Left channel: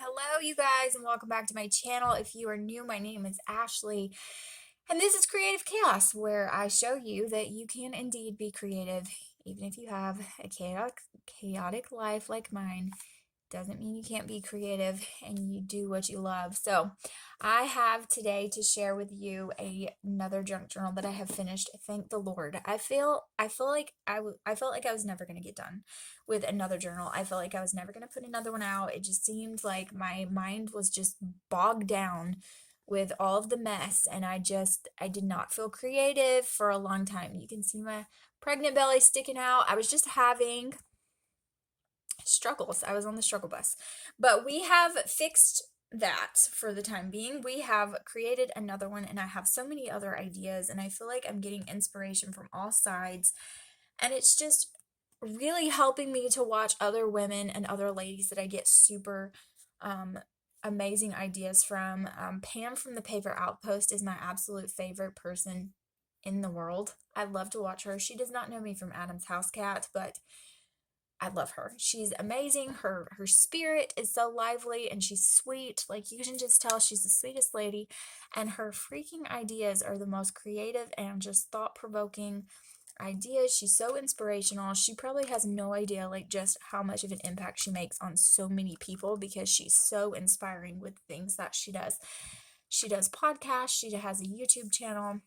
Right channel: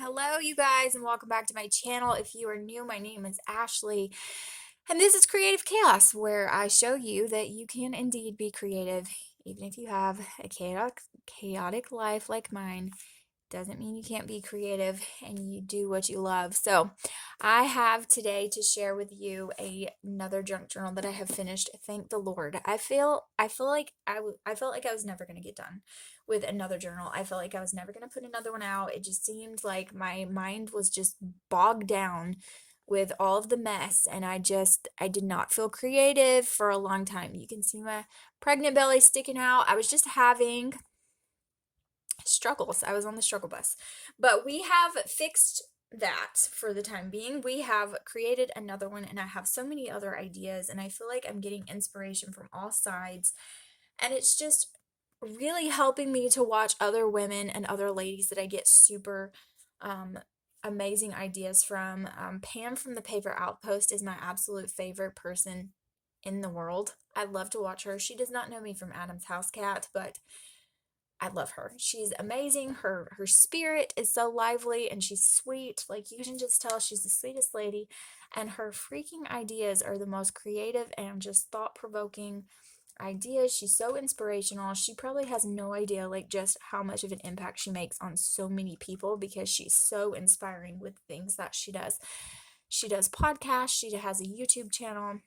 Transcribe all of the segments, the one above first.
Hello, you guys, and welcome back to my channel. If you are new, my name is Ashley, and this is Creative Chaos, where I show you that you can indeed be creative, even if you have a chaotic life like mine. Doesn't mean you can't be creative and you do what you love. So, I have today to share with you another junk journal that I have finished. Thank the Lord. I felt like I was never going to get done with another journal. I felt like I was never going to put another one out. It just seemed like my mind was just bogged down with all of the mess, and I did not feel creative for a long time. You can see my pregnant belly sticking out. I was just having struggles. I was on the struggle bus. But we have fixed that for the time being. We have created another one, and I have so many other ideas, and I feel like I'm getting inspiration from all sides. And it's just really helping me to watch other women and other ladies that I get super amazing ideas from. Pam from the Paper Outpost is my absolute favorite person in the world. I love to watch her. She does not know me from Adam's House Cat, but I love her. She's amazing. Her spirit is so lively and she's sweet. Like, you can just tell she's the sweetest lady, and her freaking ideas are the most creative and just thought-provoking ideas. She's so inspirational. She probably has no idea like just how much of an impact she makes on so many people because she's so inspiring with things that she does. She does podcasts, she has a YouTube channel.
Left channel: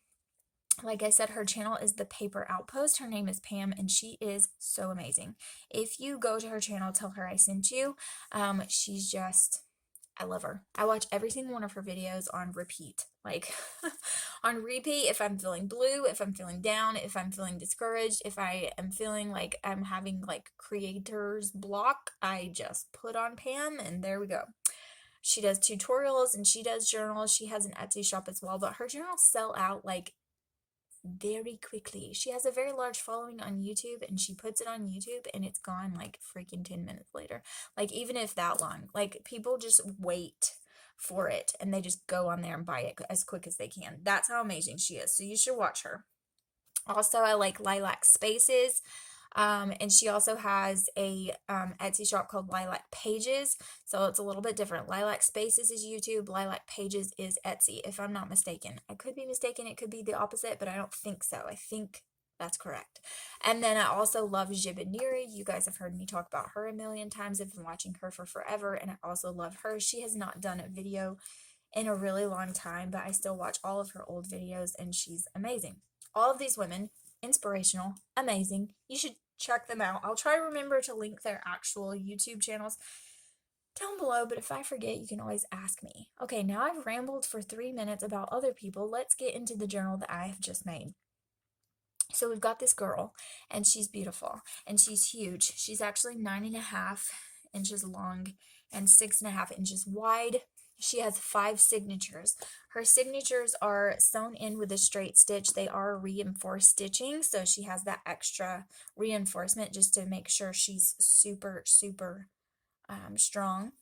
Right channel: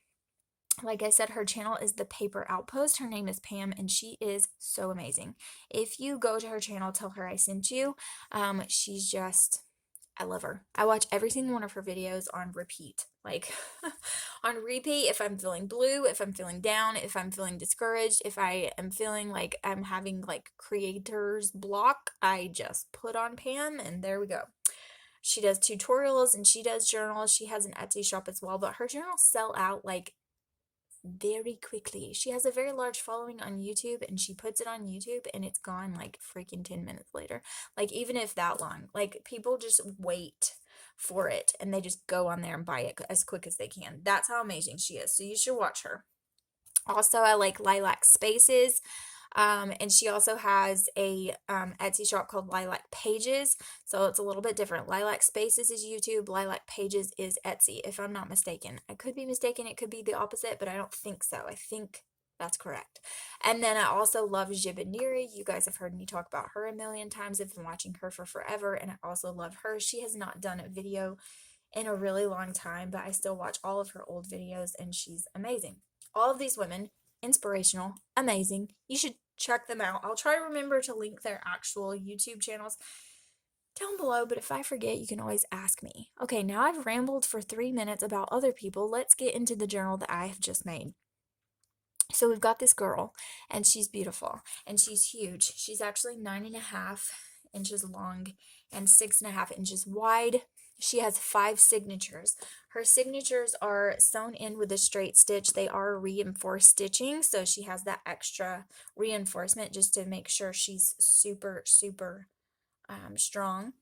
Like I said, her channel is the Paper Outpost. Her name is Pam, and she is so amazing. If you go to her channel, tell her I sent you. She's just, I love her. I watch every single one of her videos on repeat. Like, on repeat, if I'm feeling blue, if I'm feeling down, if I'm feeling discouraged, if I am feeling like I'm having like creator's block, I just put on Pam, and there we go. She does tutorials and she does journals. She has an Etsy shop as well, but her journals sell out like very quickly. She has a very large following on YouTube, and she puts it on YouTube and it's gone like freaking 10 minutes later. Like, even if that long. Like, people just wait for it and they just go on there and buy it as quick as they can. That's how amazing she is. So you should watch her. Also, I like Lilac Spaces. And she also has a Etsy shop called Lilac Pages. So it's a little bit different. Lilac Spaces is YouTube. Lilac Pages is Etsy, if I'm not mistaken. I could be mistaken. It could be the opposite, but I don't think so. I think that's correct. And then I also love Jibid Neary. You guys have heard me talk about her a million times. I've been watching her for forever, and I also love her. She has not done a video in a really long time, but I still watch all of her old videos, and she's amazing. All of these women, inspirational, amazing. You should check them out. I'll try to remember to link their actual YouTube channels down below, but if I forget, you can always ask me. Okay, now I've rambled for 3 minutes about other people. Let's get into the journal that I have just made. So we've got this girl, and she's beautiful, and she's huge. She's actually 9.5 inches long and 6.5 inches wide. She has 5 signatures. Her signatures are sewn in with a straight stitch. They are reinforced stitching, so she has that extra reinforcement just to make sure she's super, super strong.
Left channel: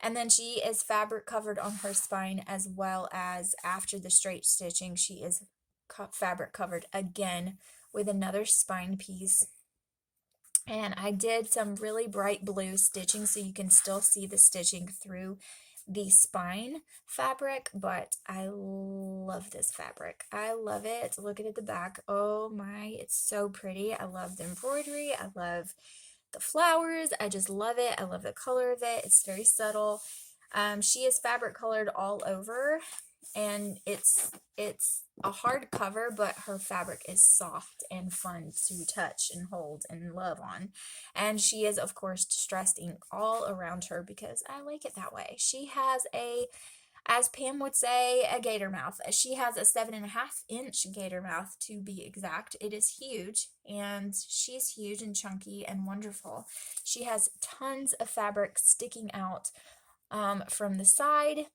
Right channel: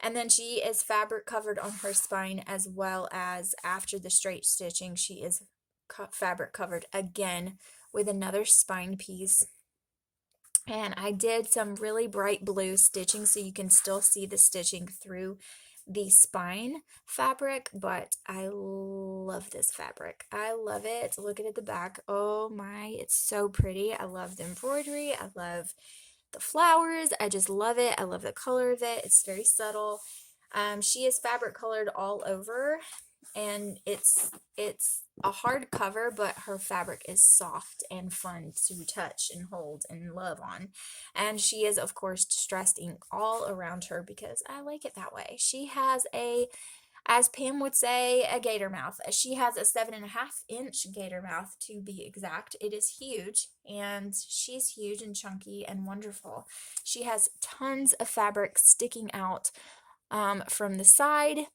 And then she is fabric covered on her spine, as well as after the straight stitching, she is fabric covered again with another spine piece. And I did some really bright blue stitching so you can still see the stitching through the spine fabric, but I love this fabric. I love it. Look at the back. Oh my, it's so pretty. I love the embroidery. I love the flowers. I just love it. I love the color of it. It's very subtle. She is fabric colored all over, and it's a hard cover, but her fabric is soft and fun to touch and hold and love on. And she is, of course, distressed ink all around her because I like it that way. She has a, as Pam would say, a gator mouth. She has a 7.5-inch gator mouth, to be exact. It is huge, and she's huge and chunky and wonderful. She has tons of fabric sticking out from the side,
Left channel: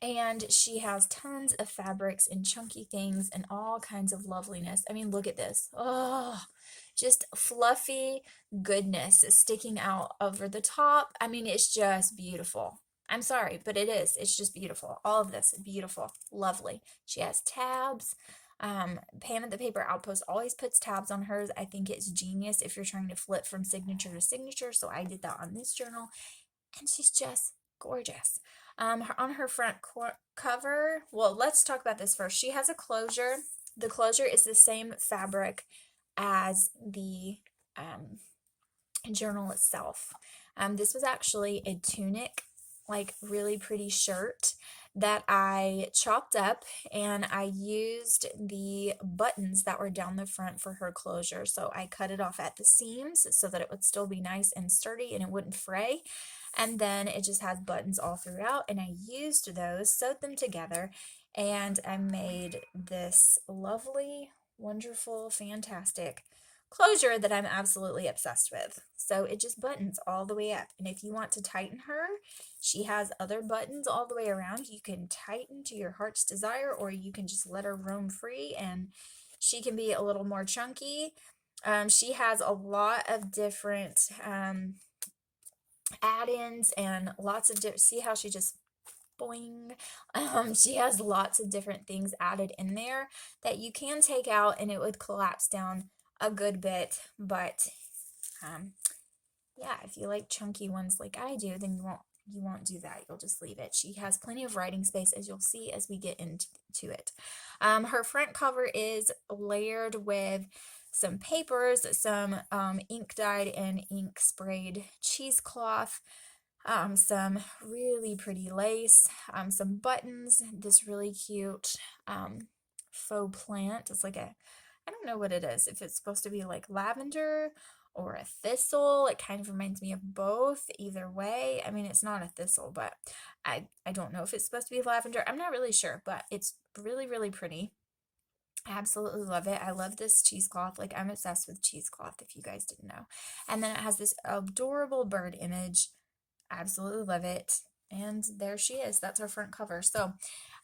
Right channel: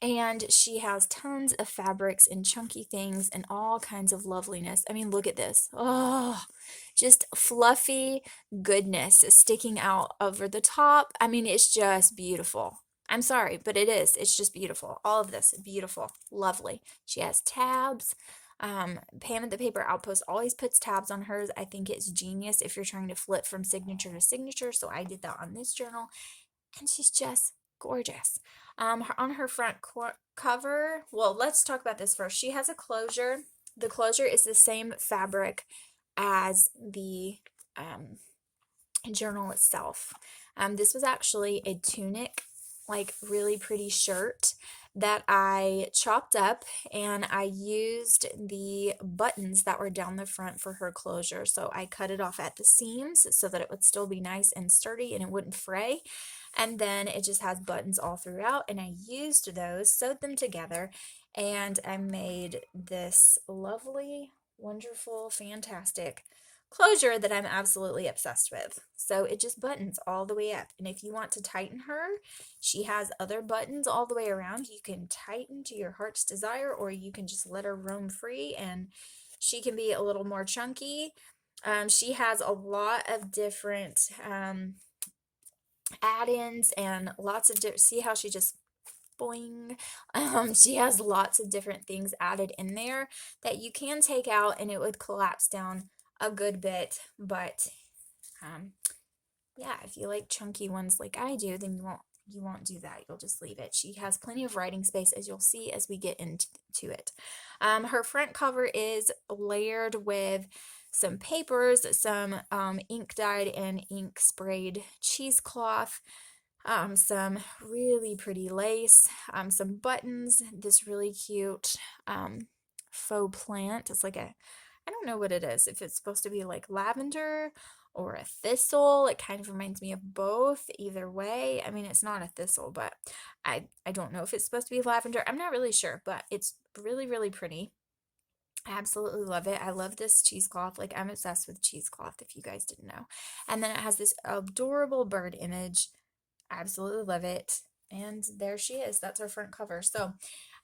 and she has tons of fabrics and chunky things and all kinds of loveliness. I mean, look at this. Oh, just fluffy goodness sticking out over the top. I mean, it's just beautiful. I'm sorry, but it is. It's just beautiful. All of this, beautiful, lovely. She has tabs. Pam at the Paper Outpost always puts tabs on hers. I think it's genius if you're trying to flip from signature to signature, so I did that on this journal. and she's just gorgeous. On her front cover, well, let's talk about this first. She has a closure. The closure is the same fabric as the journal itself. This was actually a tunic, like really pretty shirt that I chopped up, and I used the buttons that were down the front for her closure. So I cut it off at the seams so that it would still be nice and sturdy and it wouldn't fray. And then it just has buttons all throughout, and I used those, sewed them together, and I made this lovely, wonderful, fantastic closure that I'm absolutely obsessed with. So it just buttons all the way up. And if you want to tighten her, she has other buttons all the way around. You can tighten to your heart's desire, or you can just let her roam free and she can be a little more chunky. She has a lot of different add-ins and lots of different, see how she just boing. She has lots of different things added in there that you can take out and it would collapse down a good bit, but yeah, if you like chunky ones like I do, then you won't do that. You'll just leave it. She has plenty of writing space, as you'll see as we get into it. Her front cover is layered with some papers, some ink dyed and ink sprayed cheesecloth, some really pretty lace, some buttons, this really cute faux plant. It's like I don't know what it is, if it's supposed to be like lavender or a thistle. It kind of reminds me of both. Either way, I mean, it's not a thistle, but I don't know if it's supposed to be lavender. I'm not really sure, but it's really, really pretty. I absolutely love it. I love this cheesecloth. Like, I'm obsessed with cheesecloth, if you guys didn't know. And then it has this adorable bird image. Absolutely love it. And there she is. That's her front cover. So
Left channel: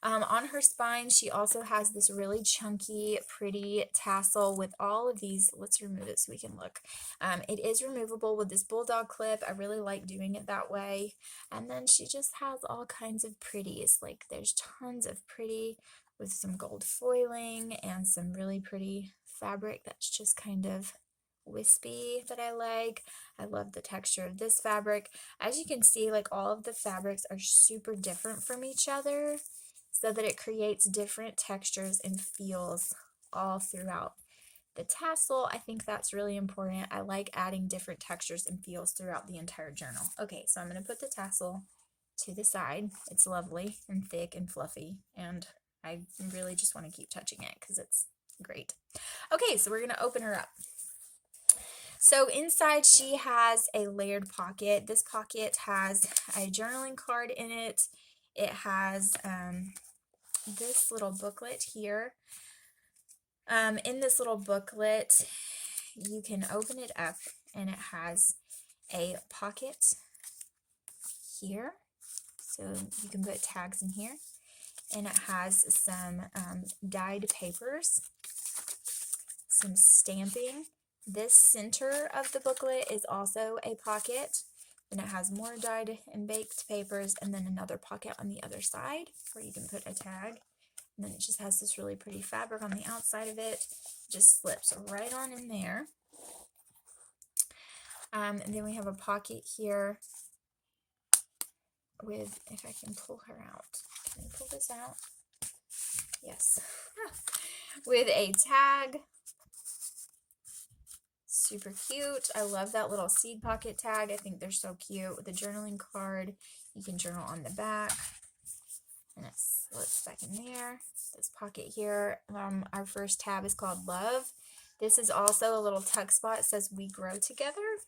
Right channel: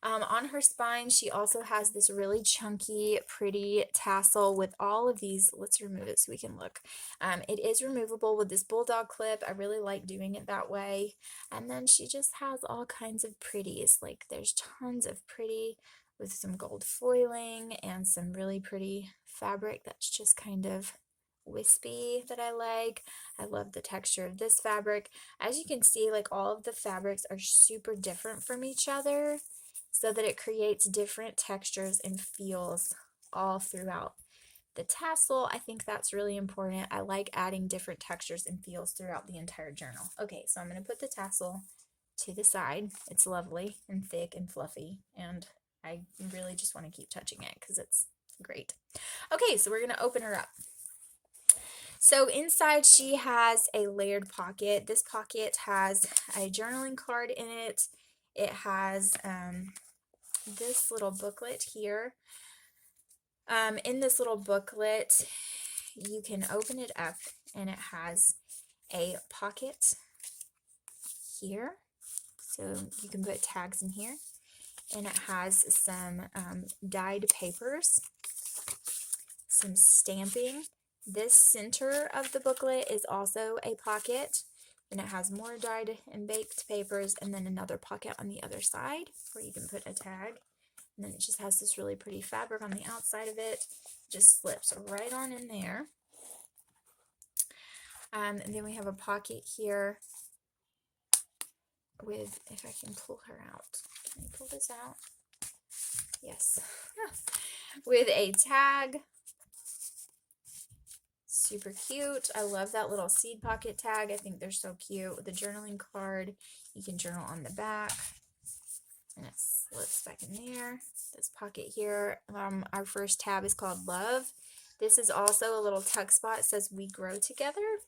on her spine, she also has this really chunky, pretty tassel with all of these. Let's remove it so we can look. It is removable with this bulldog clip. I really like doing it that way. And then she just has all kinds of pretties. Like, there's tons of pretty with some gold foiling and some really pretty fabric that's just kind of wispy that I like. I love the texture of this fabric. As you can see, like, all of the fabrics are super different from each other, so that it creates different textures and feels all throughout. The tassel, I think that's really important. I like adding different textures and feels throughout the entire journal. Okay, so I'm going to put the tassel to the side. It's lovely and thick and fluffy, and I really just want to keep touching it because it's great. Okay, so we're going to open her up. So inside she has a layered pocket. This pocket has a journaling card in it. It has this little booklet here. In this little booklet, you can open it up and it has a pocket here. So you can put tags in here. And it has some dyed papers, some stamping. This center of the booklet is also a pocket, and it has more dyed and baked papers, and then another pocket on the other side where you can put a tag. And then it just has this really pretty fabric on the outside of it. Just slips right on in there. And then we have a pocket here with, if I can pull her out. Can I pull this out? Yes. With a tag. Super cute. I love that little seed pocket tag. I think they're so cute. With the journaling card, you can journal on the back. And it slips back in there. This pocket here, our first tab is called Love. This is also a little tuck spot. It says We Grow Together.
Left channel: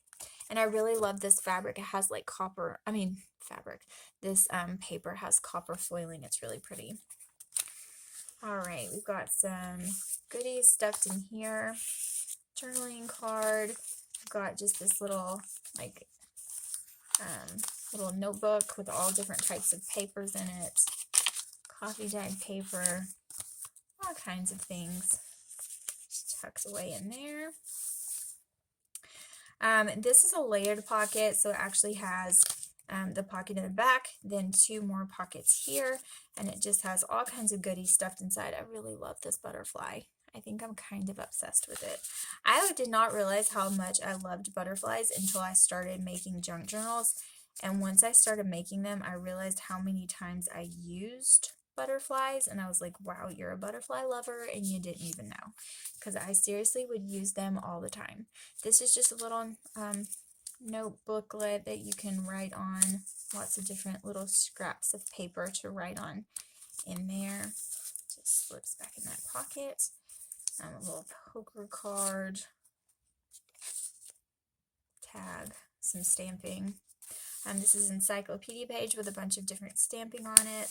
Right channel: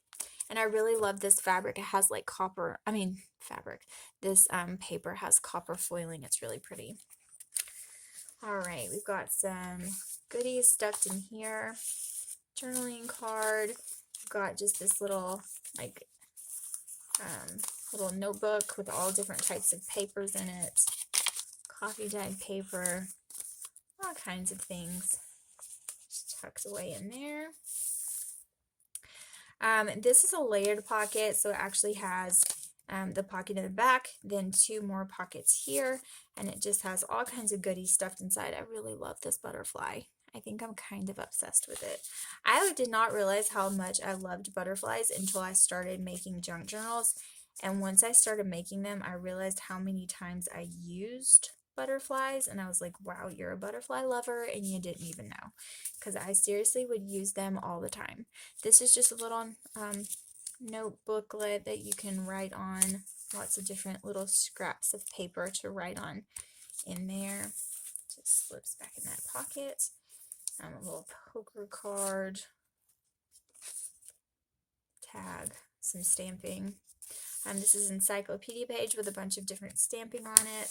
And I really love this fabric. It has like this paper has copper foiling. It's really pretty. All right, we've got some goodies stuffed in here. Journaling card. We've got just this little like little notebook with all different types of papers in it. Coffee dyed paper. All kinds of things. Just tucks away in there. This is a layered pocket, so it actually has the pocket in the back, then two more pockets here, and it just has all kinds of goodies stuffed inside. I really love this butterfly. I think I'm kind of obsessed with it. I did not realize how much I loved butterflies until I started making junk journals, And once I started making them, I realized how many times I used butterflies, and I was like, wow, you're a butterfly lover and you didn't even know, because I seriously would use them all the time. This is just a little note booklet that you can write on, lots of different little scraps of paper to write on in there. Just slips back in that pocket. A little poker card, tag, some stamping. This is an encyclopedia page with a bunch of different stamping on it.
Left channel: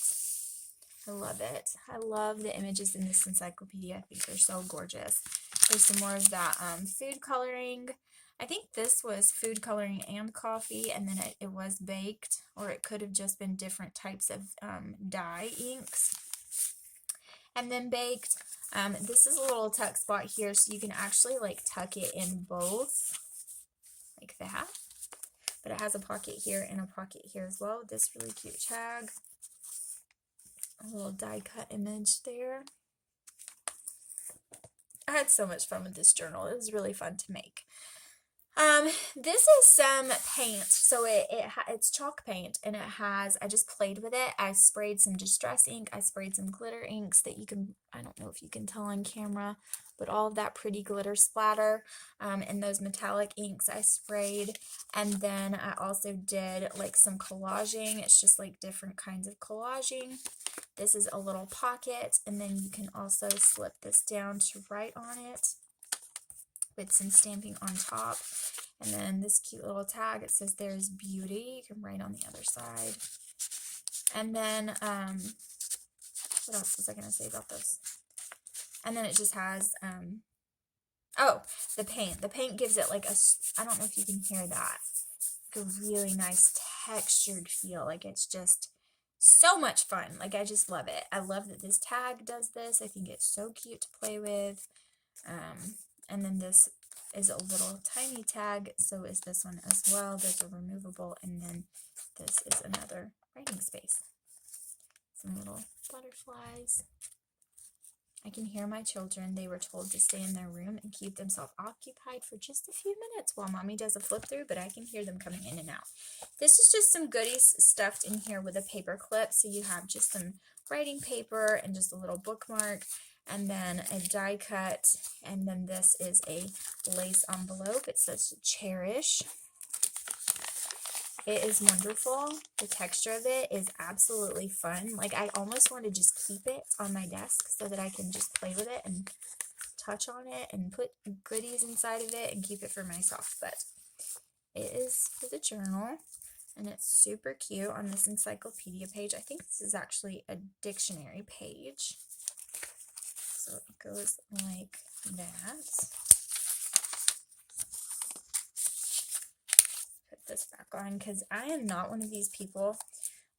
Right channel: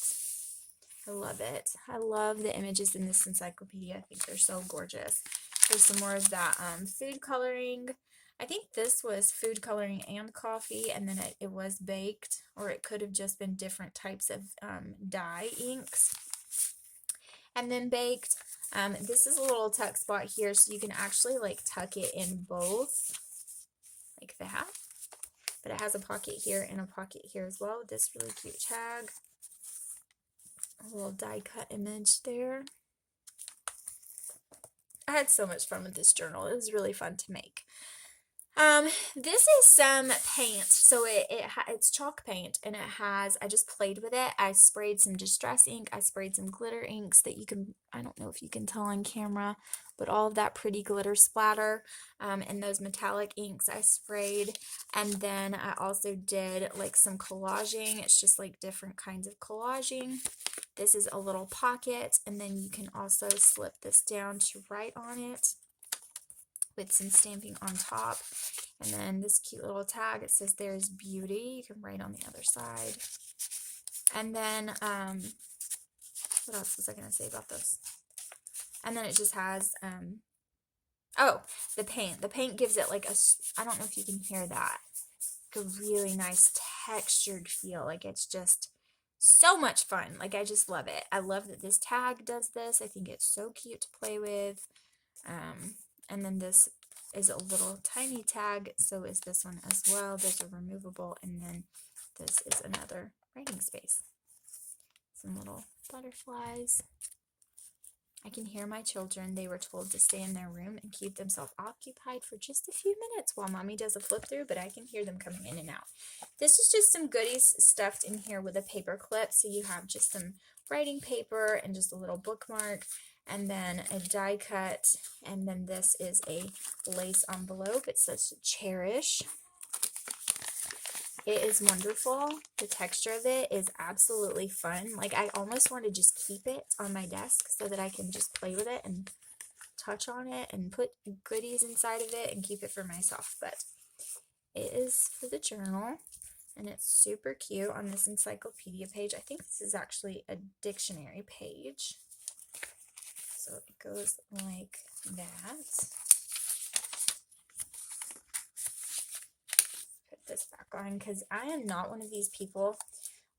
I love it. I love the images in this encyclopedia. I think they're so gorgeous. There's some more of that food coloring. I think this was food coloring and coffee, and then it was baked, or it could have just been different types of dye inks and then baked. This is a little tuck spot here, so you can actually like tuck it in both, like that. But it has a pocket here and a pocket here as well with this really cute tag. A little die cut image there. I had so much fun with this journal. It was really fun to make. This is some paint. So it's chalk paint, and it has, I just played with it. I sprayed some distress ink. I sprayed some glitter inks that you can, I don't know if you can tell on camera, but all of that pretty glitter splatter. And those metallic inks I sprayed. And then I also did like some collaging. It's just like different kinds of collaging. This is a little pocket, and then you can also slip this down to write on it with some stamping on top. And then this cute little tag, it says there's beauty. You can write on the other side. And then, what else was I going to say about this? And then it just has, oh, the paint. The paint gives it like a, I don't know if you can hear that, like a really nice textured feel. Like it's just so much fun. Like I just love it. I love that this tag does this. I think it's so cute to play with. And then this is a little tiny tag, so is this one as well. Those are removable, and then this is another writing space. Some little butterflies. I can hear my children. They were told to stay in their room and keep themselves occupied for just a few minutes while mommy does a flip through, but I can hear them coming in and out. This is just some goodies stuffed in here with a paper clip, so you have just some writing paper and just a little bookmark, and then a die cut, and then this is a lace envelope. It says cherish. It is wonderful. The texture of it is absolutely fun. Like I almost want to just keep it on my desk so that I can just play with it and touch on it and put goodies inside of it and keep it for myself. But it is for the journal, and it's super cute on this encyclopedia page. I think this is actually a dictionary page. So it goes like that. Put this back on because I am not one of these people.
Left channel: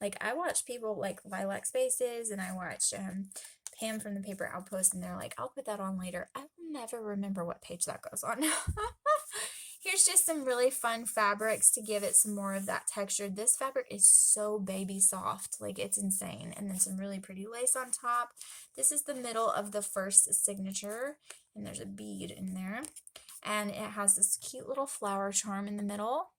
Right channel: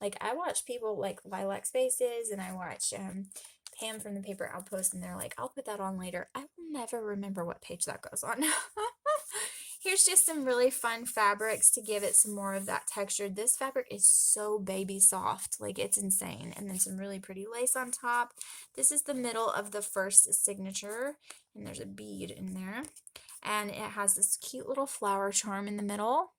Like I watch people like Lilac Spaces, and I watch Pam from the Paper Outpost, and they're like, I'll put that on later. I will never remember what page that goes on. Here's just some really fun fabrics to give it some more of that texture. This fabric is so baby soft, like it's insane. And then some really pretty lace on top. This is the middle of the first signature, and there's a bead in there. And it has this cute little flower charm in the middle.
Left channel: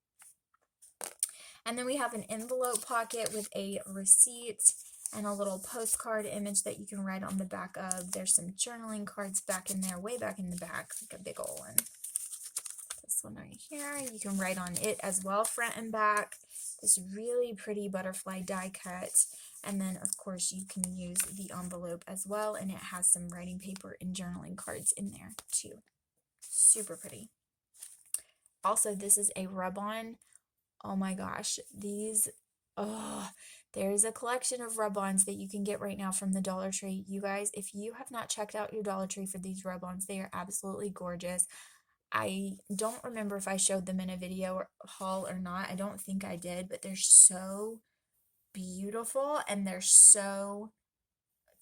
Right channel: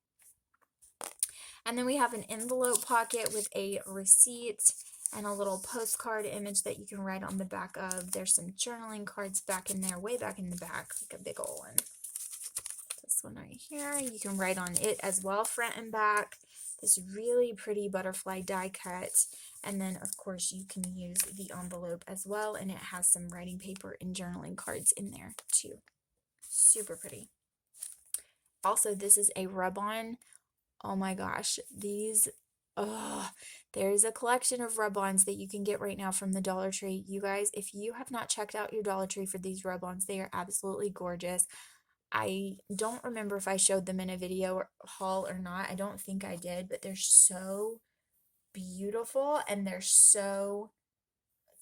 And then we have an envelope pocket with a receipt and a little postcard image that you can write on the back of. There's some journaling cards back in there, way back in the back, like a big old one. One right here, you can write on it as well, front and back. This really pretty butterfly die cut, and then of course you can use the envelope as well, and it has some writing paper and journaling cards in there too. Super pretty. Also, this is a rub-on. Oh my gosh, these, oh, there's a collection of rub-ons that you can get right now from the Dollar Tree. You guys, if you have not checked out your Dollar Tree for these rub-ons, they are absolutely gorgeous. I don't remember if I showed them in a video haul or not. I don't think I did, but they're so beautiful, and they're so,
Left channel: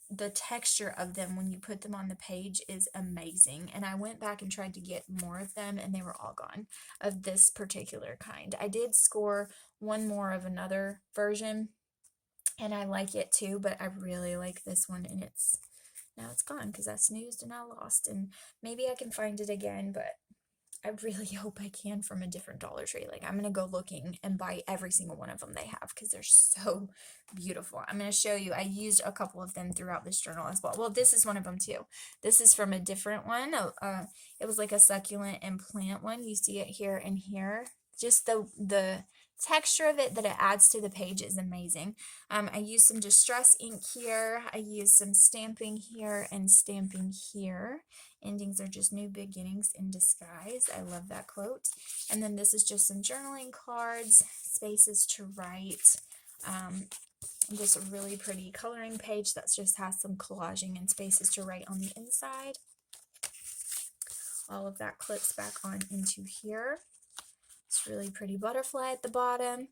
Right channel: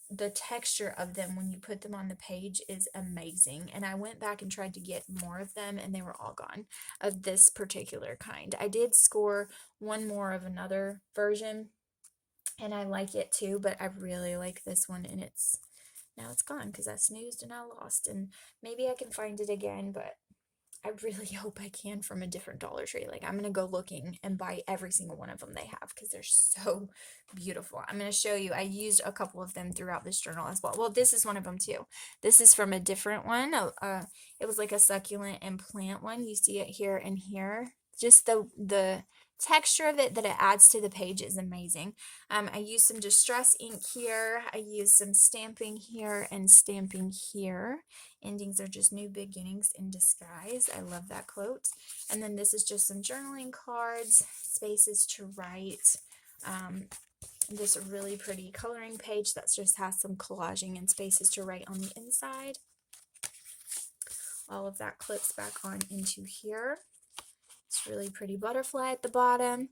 the texture of them when you put them on the page is amazing. And I went back and tried to get more of them, and they were all gone of this particular kind. I did score one more of another version, and I like it too, but I really like this one, and now it's gone because I snoozed and I lost, and maybe I can find it again, but I really hope I can from a different Dollar Tree. Like, I'm gonna go looking and buy every single one of them they have because they're so beautiful. I'm gonna show you. I used a couple of them throughout this journal as well. Well, this is one of them too. This is from a different one. It was like a succulent and plant one. You see it here and here. Just the texture of it that it adds to the page is amazing. I used some distress ink here. I used some stamping here and stamping here. Endings are just new beginnings in disguise. I love that quote. And then this is just some journaling cards, spaces to write. This really pretty coloring page that just has some collaging and spaces to write on the inside. All of that clips back on into here. It's really pretty butterfly at the bottom.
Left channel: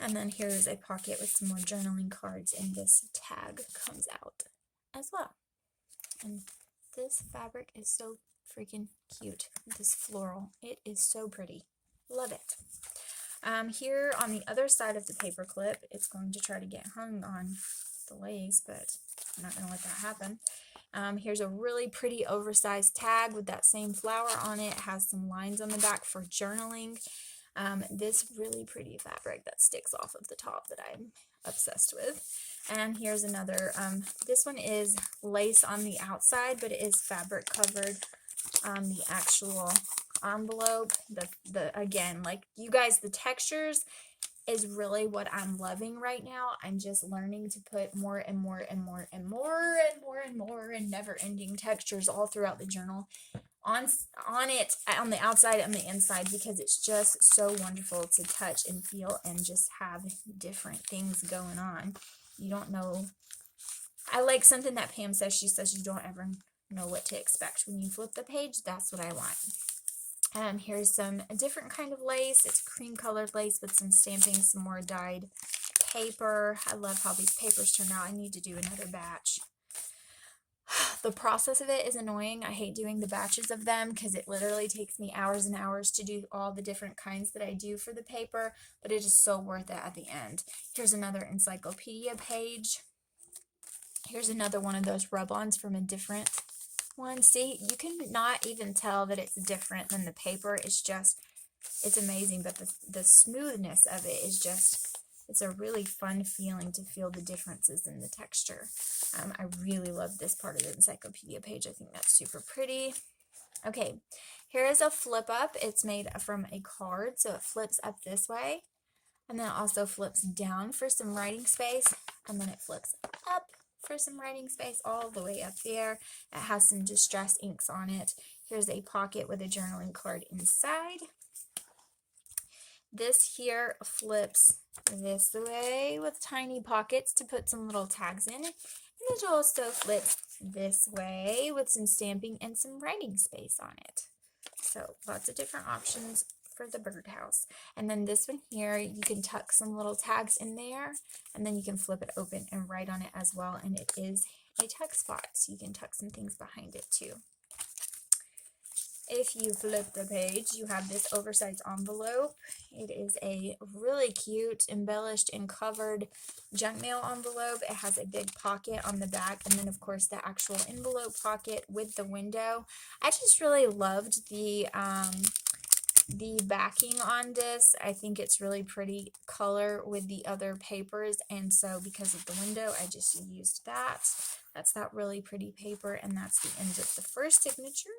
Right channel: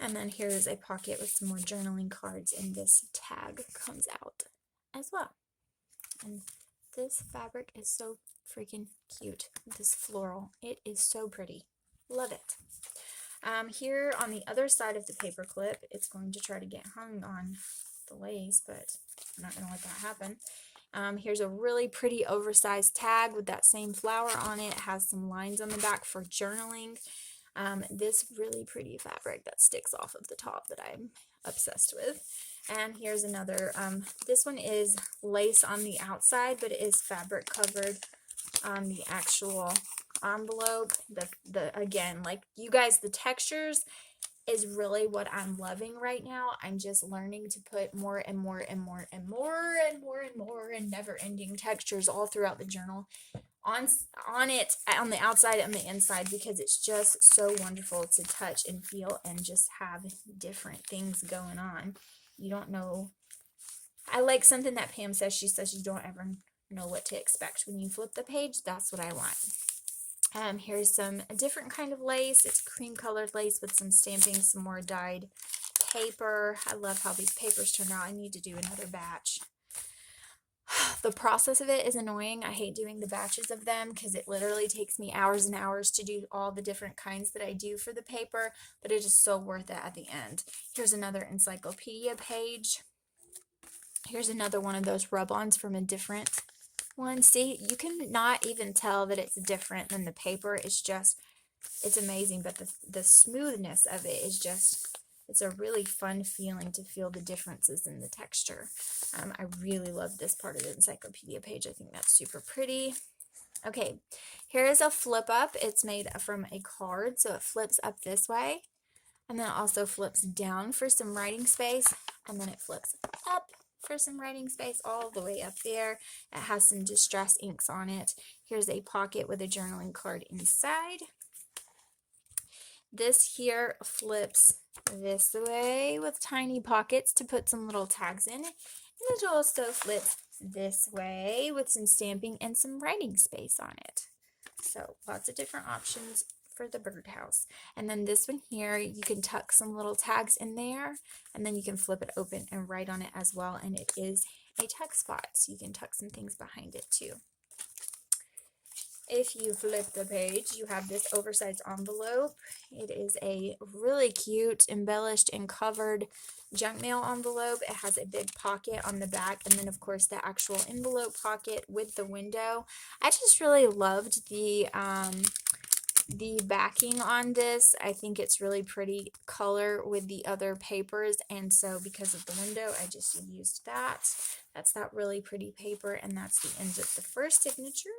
And then here's a pocket with some more journaling cards, and this tag comes out as well. And this fabric is so freaking cute. This floral, it is so pretty. Love it. Here on the other side of the paper clip, it's going to try to get hung on the lace, but I'm not going to let that happen. Here's a really pretty oversized tag with that same flower on it. It has some lines on the back for journaling. This really pretty fabric that sticks off of the top that I'm obsessed with. And here's another, this one is lace on the outside, but it is fabric covered on the actual envelope. Again, like you guys, the textures is really what I'm loving right now. I'm just learning to put more and more and more and more and more and more and never-ending textures all throughout the journal on it, on the outside and the inside, because it's just so wonderful to touch and feel and just have different things going on. You don't know. I like something that Pam says. She says you don't ever know what to expect when you flip the page. That's what I want. Here's a different kind of lace. It's cream colored lace with some stamping, some more dyed paper. I love how these papers turn out. I need to do another batch. The process of it is annoying. I hate doing the batches of them because it literally takes me hours and hours to do all the different kinds that I do for the paper, but it is so worth it at the end. Here's another encyclopedia page. Here's another one of those rub-ons from a different one. See, you can not even tell that it's different than the paper. It's amazing, but the smoothness of it is just, it's a really fun feeling to feel the differences in the texture. I really love this part of the encyclopedia page. I think that's super pretty. Okay, here is a flip up. It's made from a card, so it flips up this way, and then it also flips down for some writing space, and then it flips up for some writing space all the way up there. It has some distress inks on it. Here's a pocket with a journaling card inside. This here flips this way with tiny pockets to put some little tags in. And it also flips this way with some stamping and some writing space on it. So lots of different options for the birdhouse. And then this one here, you can tuck some little tags in there, and then you can flip it open and write on it as well. And it is a tuck spot, so you can tuck some things behind it too. If you flip the page, you have this oversized envelope. It is a really cute, embellished and covered junk mail envelope. It has a big pocket on the back, and then of course the actual envelope pocket with the window. I just really loved the backing on this. I think it's really pretty color with the other papers, and so because of the window, I just used that. That's that really pretty paper, and that's the end of the first signature.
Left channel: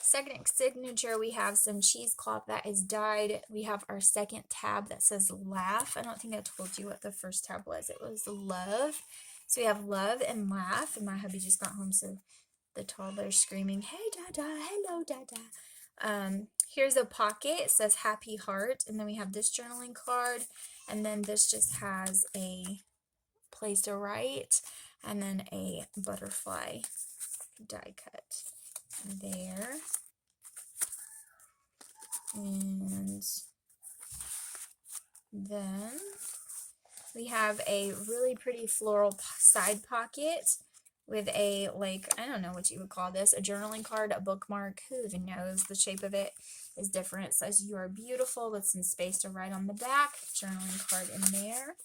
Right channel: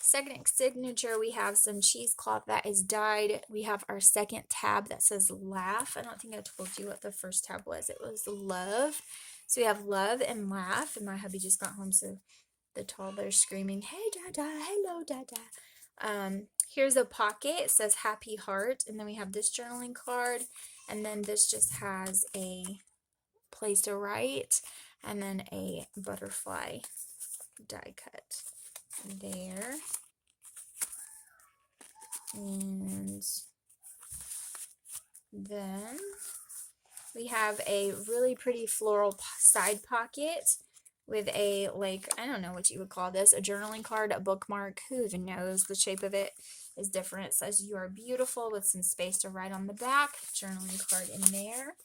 Second signature, we have some cheesecloth that is dyed. We have our second tab that says laugh. I don't think I told you what the first tab was. It was love. So we have love and laugh, and my hubby just got home, so the toddler's screaming, "Hey, Dada, hello, Dada." Here's a pocket. It says happy heart, and then we have this journaling card, and then this just has a place to write, and then a butterfly die cut there. And then we have a really pretty floral side pocket with a, like, I don't know what you would call this, a journaling card, a bookmark, who even knows, the shape of it is different. It says you are beautiful with some space to write on the back, journaling card in there.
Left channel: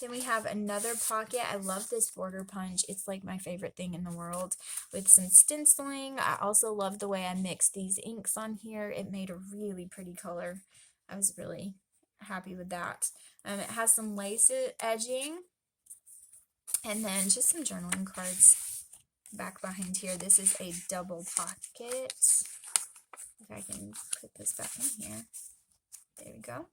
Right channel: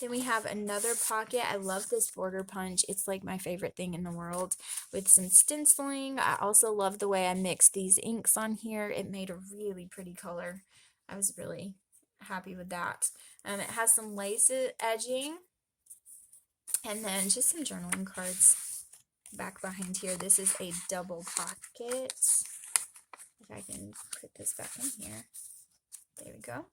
Then we have another pocket. I love this border punch. It's like my favorite thing in the world, with some stenciling. I also love the way I mixed these inks on here. It made a really pretty color. I was really happy with that. It has some lace edging, and then just some journaling cards back behind here. This is a double pocket. If I can put this back in here. There we go.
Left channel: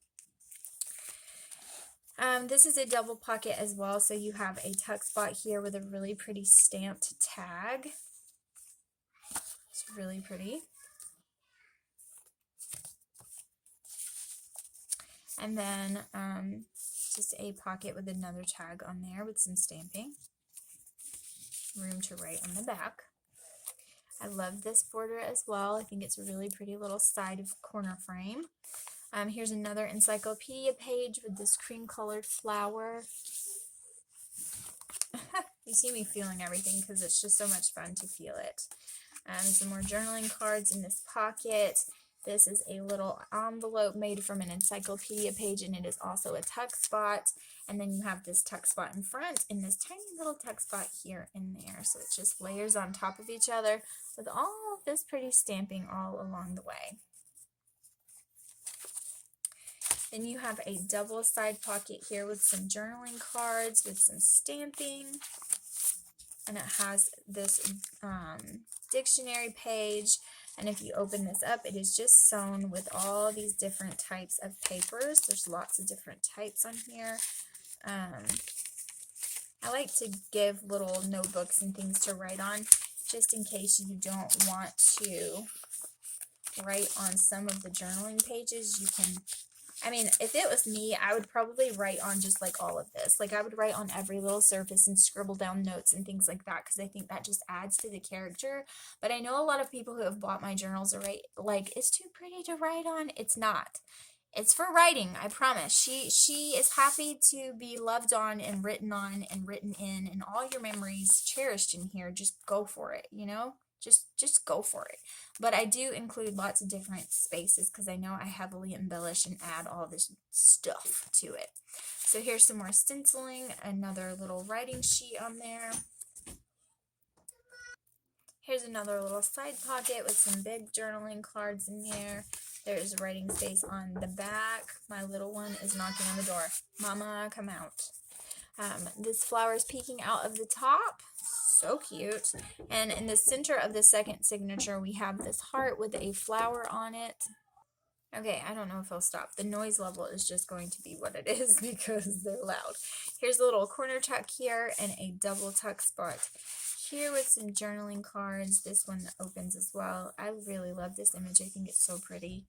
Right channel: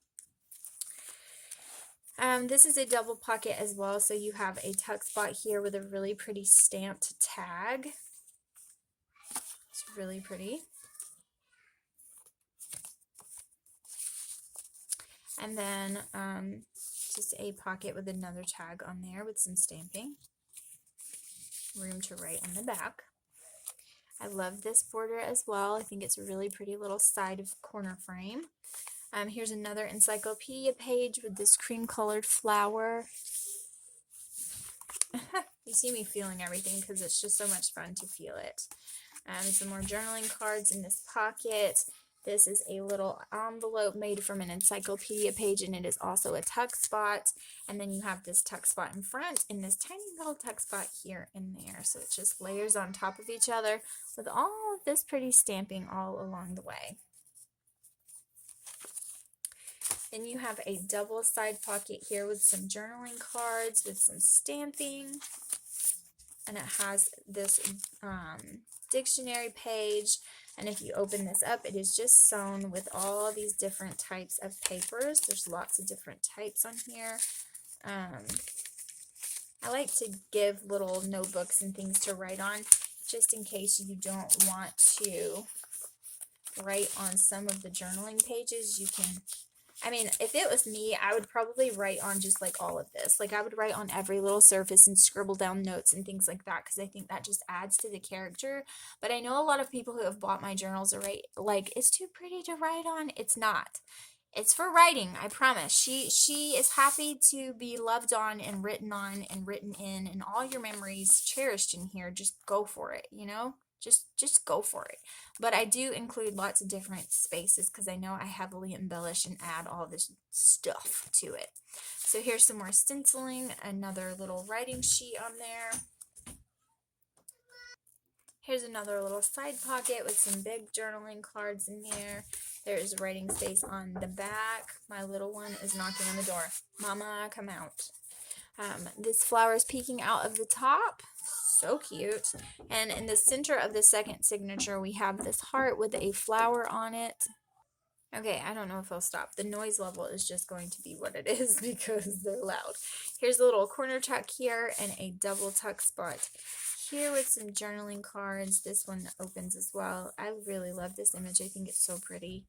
This is a double pocket as well, so you have a tuck spot here with a really pretty stamped tag. It's really pretty. And then just a pocket with another tag on there with some stamping. Room to write on the back. I love this border as well. I think it's a really pretty little side of corner frame. Here's another encyclopedia page with this cream colored flower. You see me feeling everything because it's just so much fun to feel it. Some more journaling cards in this pocket. This is a little envelope made from an encyclopedia page, and it is also a tuck spot. And then you have this tuck spot in front and this tiny little tuck spot here and there. So it just layers on top of each other with all of this pretty stamping all along the way. Then you have a double side pocket here with some journaling cards with some stamping. And it has this dictionary page. And if you open this up, it is just sewn with all these different types of papers. There's lots of different types on here. I like to give little notebooks and things to write on, just in case you don't want to write on some of the journaling pages. You can, I mean, if it was me, I would probably write on just like all of this. Like I would write on every little surface and scribble down notes and things like that, because I think that just adds to the character. But I know a lot of people who have bought my journals are like, it's too pretty to write on. It's not. It's for writing, I promise. She is happy to be loved on and written in, and all your memories cherished in here. Just go for it, you know? Just go for it. But I do include lots of different spaces because I know I heavily embellish and add all this stuff to it. So here's some more stenciling, another little writing sheet on there. Here's another little side pocket with some big journaling cards in here. There's writing space on the back. My little one is knocking on the door. Mama, come out. This flower is peeking out of the top. So cute. And in the center of the second signature, we have this heart with a flower on it. Okay, I don't know if I'll stop. The noise level is just going to be what it is because they're loud. Here's a little corner tuck here and a double tuck spot here with some journaling cards. This one opens as well. I really love this image. I think it's so pretty.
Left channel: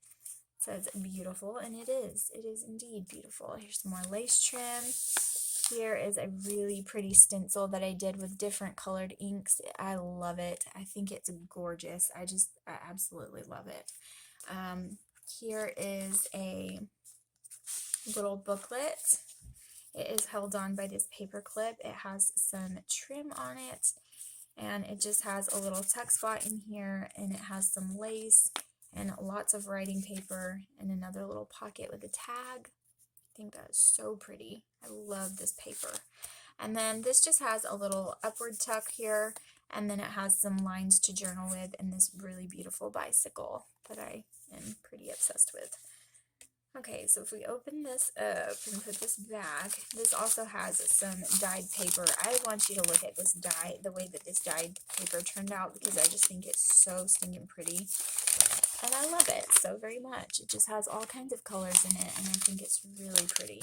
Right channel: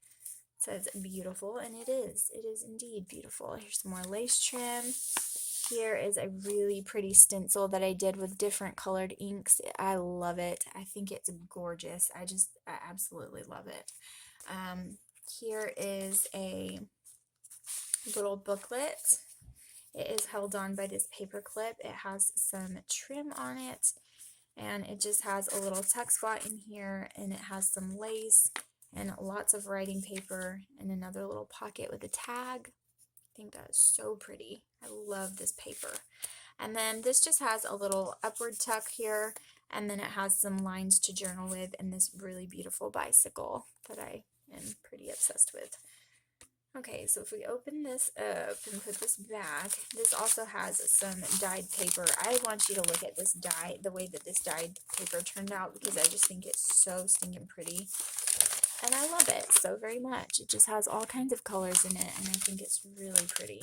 It says beautiful, and it is. It is indeed beautiful. Here's some more lace trim. Here is a really pretty stencil that I did with different colored inks. I love it. I think it's gorgeous. I absolutely love it. Here is a little booklet. It is held on by this paper clip. It has some trim on it, and it just has a little tuck spot in here, and it has some lace and lots of writing paper and another little pocket with a tag. I think that is so pretty. I love this paper. And then this just has a little upward tuck here, and then it has some lines to journal with and this really beautiful bicycle that I am pretty obsessed with. Okay, so if we open this up and put this back, this also has some dyed paper. I want you to look at this dye, the way that this dyed paper turned out, because I just think it's so stinking pretty. And I love it so very much. It just has all kinds of colors in it, and I think it's really pretty.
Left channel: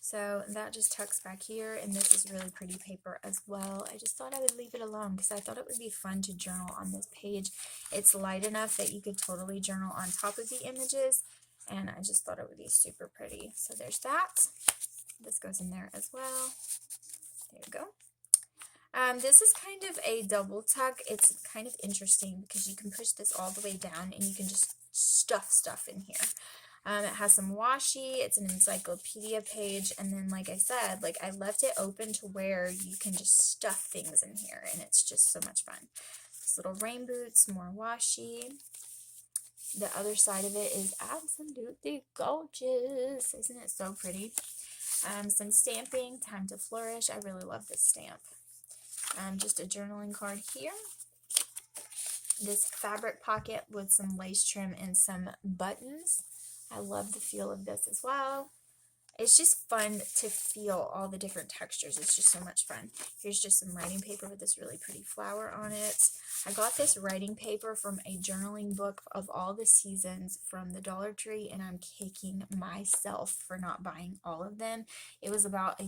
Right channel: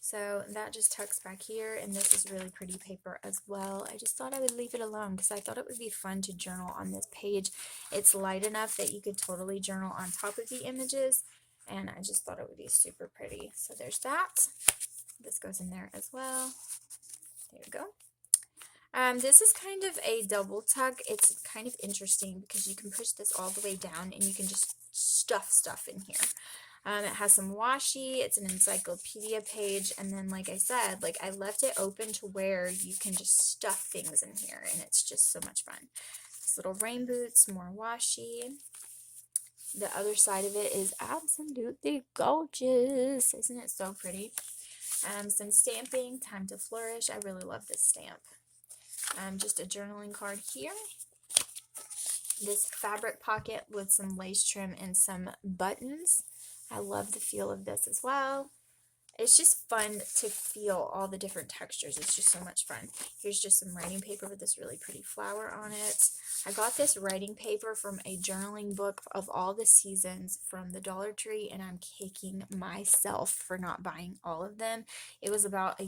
So that just tucks back here, and this is really pretty paper as well. I just thought I would leave it alone because I thought it would be fun to journal on this page. It's light enough that you could totally journal on top of the images, and I just thought it would be super pretty. So there's that. This goes in there as well. There you go. This is kind of a double tuck. It's kind of interesting because you can push this all the way down and you can just stuff stuff in here. It has some washi. It's an encyclopedia page, and then like I said, like I left it open to where you can just stuff things in here, and it's just so much fun. These little rain boots, more washi. The other side of it is absolutely gorgeous. Isn't it so pretty? Some stamping, Time to Flourish. I really love this stamp. Just a journaling card here. This fabric pocket with some lace trim and some buttons. I love the feel of this as well. It's just fun to feel all the different textures. It's just so much fun. Here's just some writing paper with this really pretty flower on it. I got this writing paper from a journaling book of all the seasons from the Dollar Tree, and I'm kicking myself for not buying all of them. It was about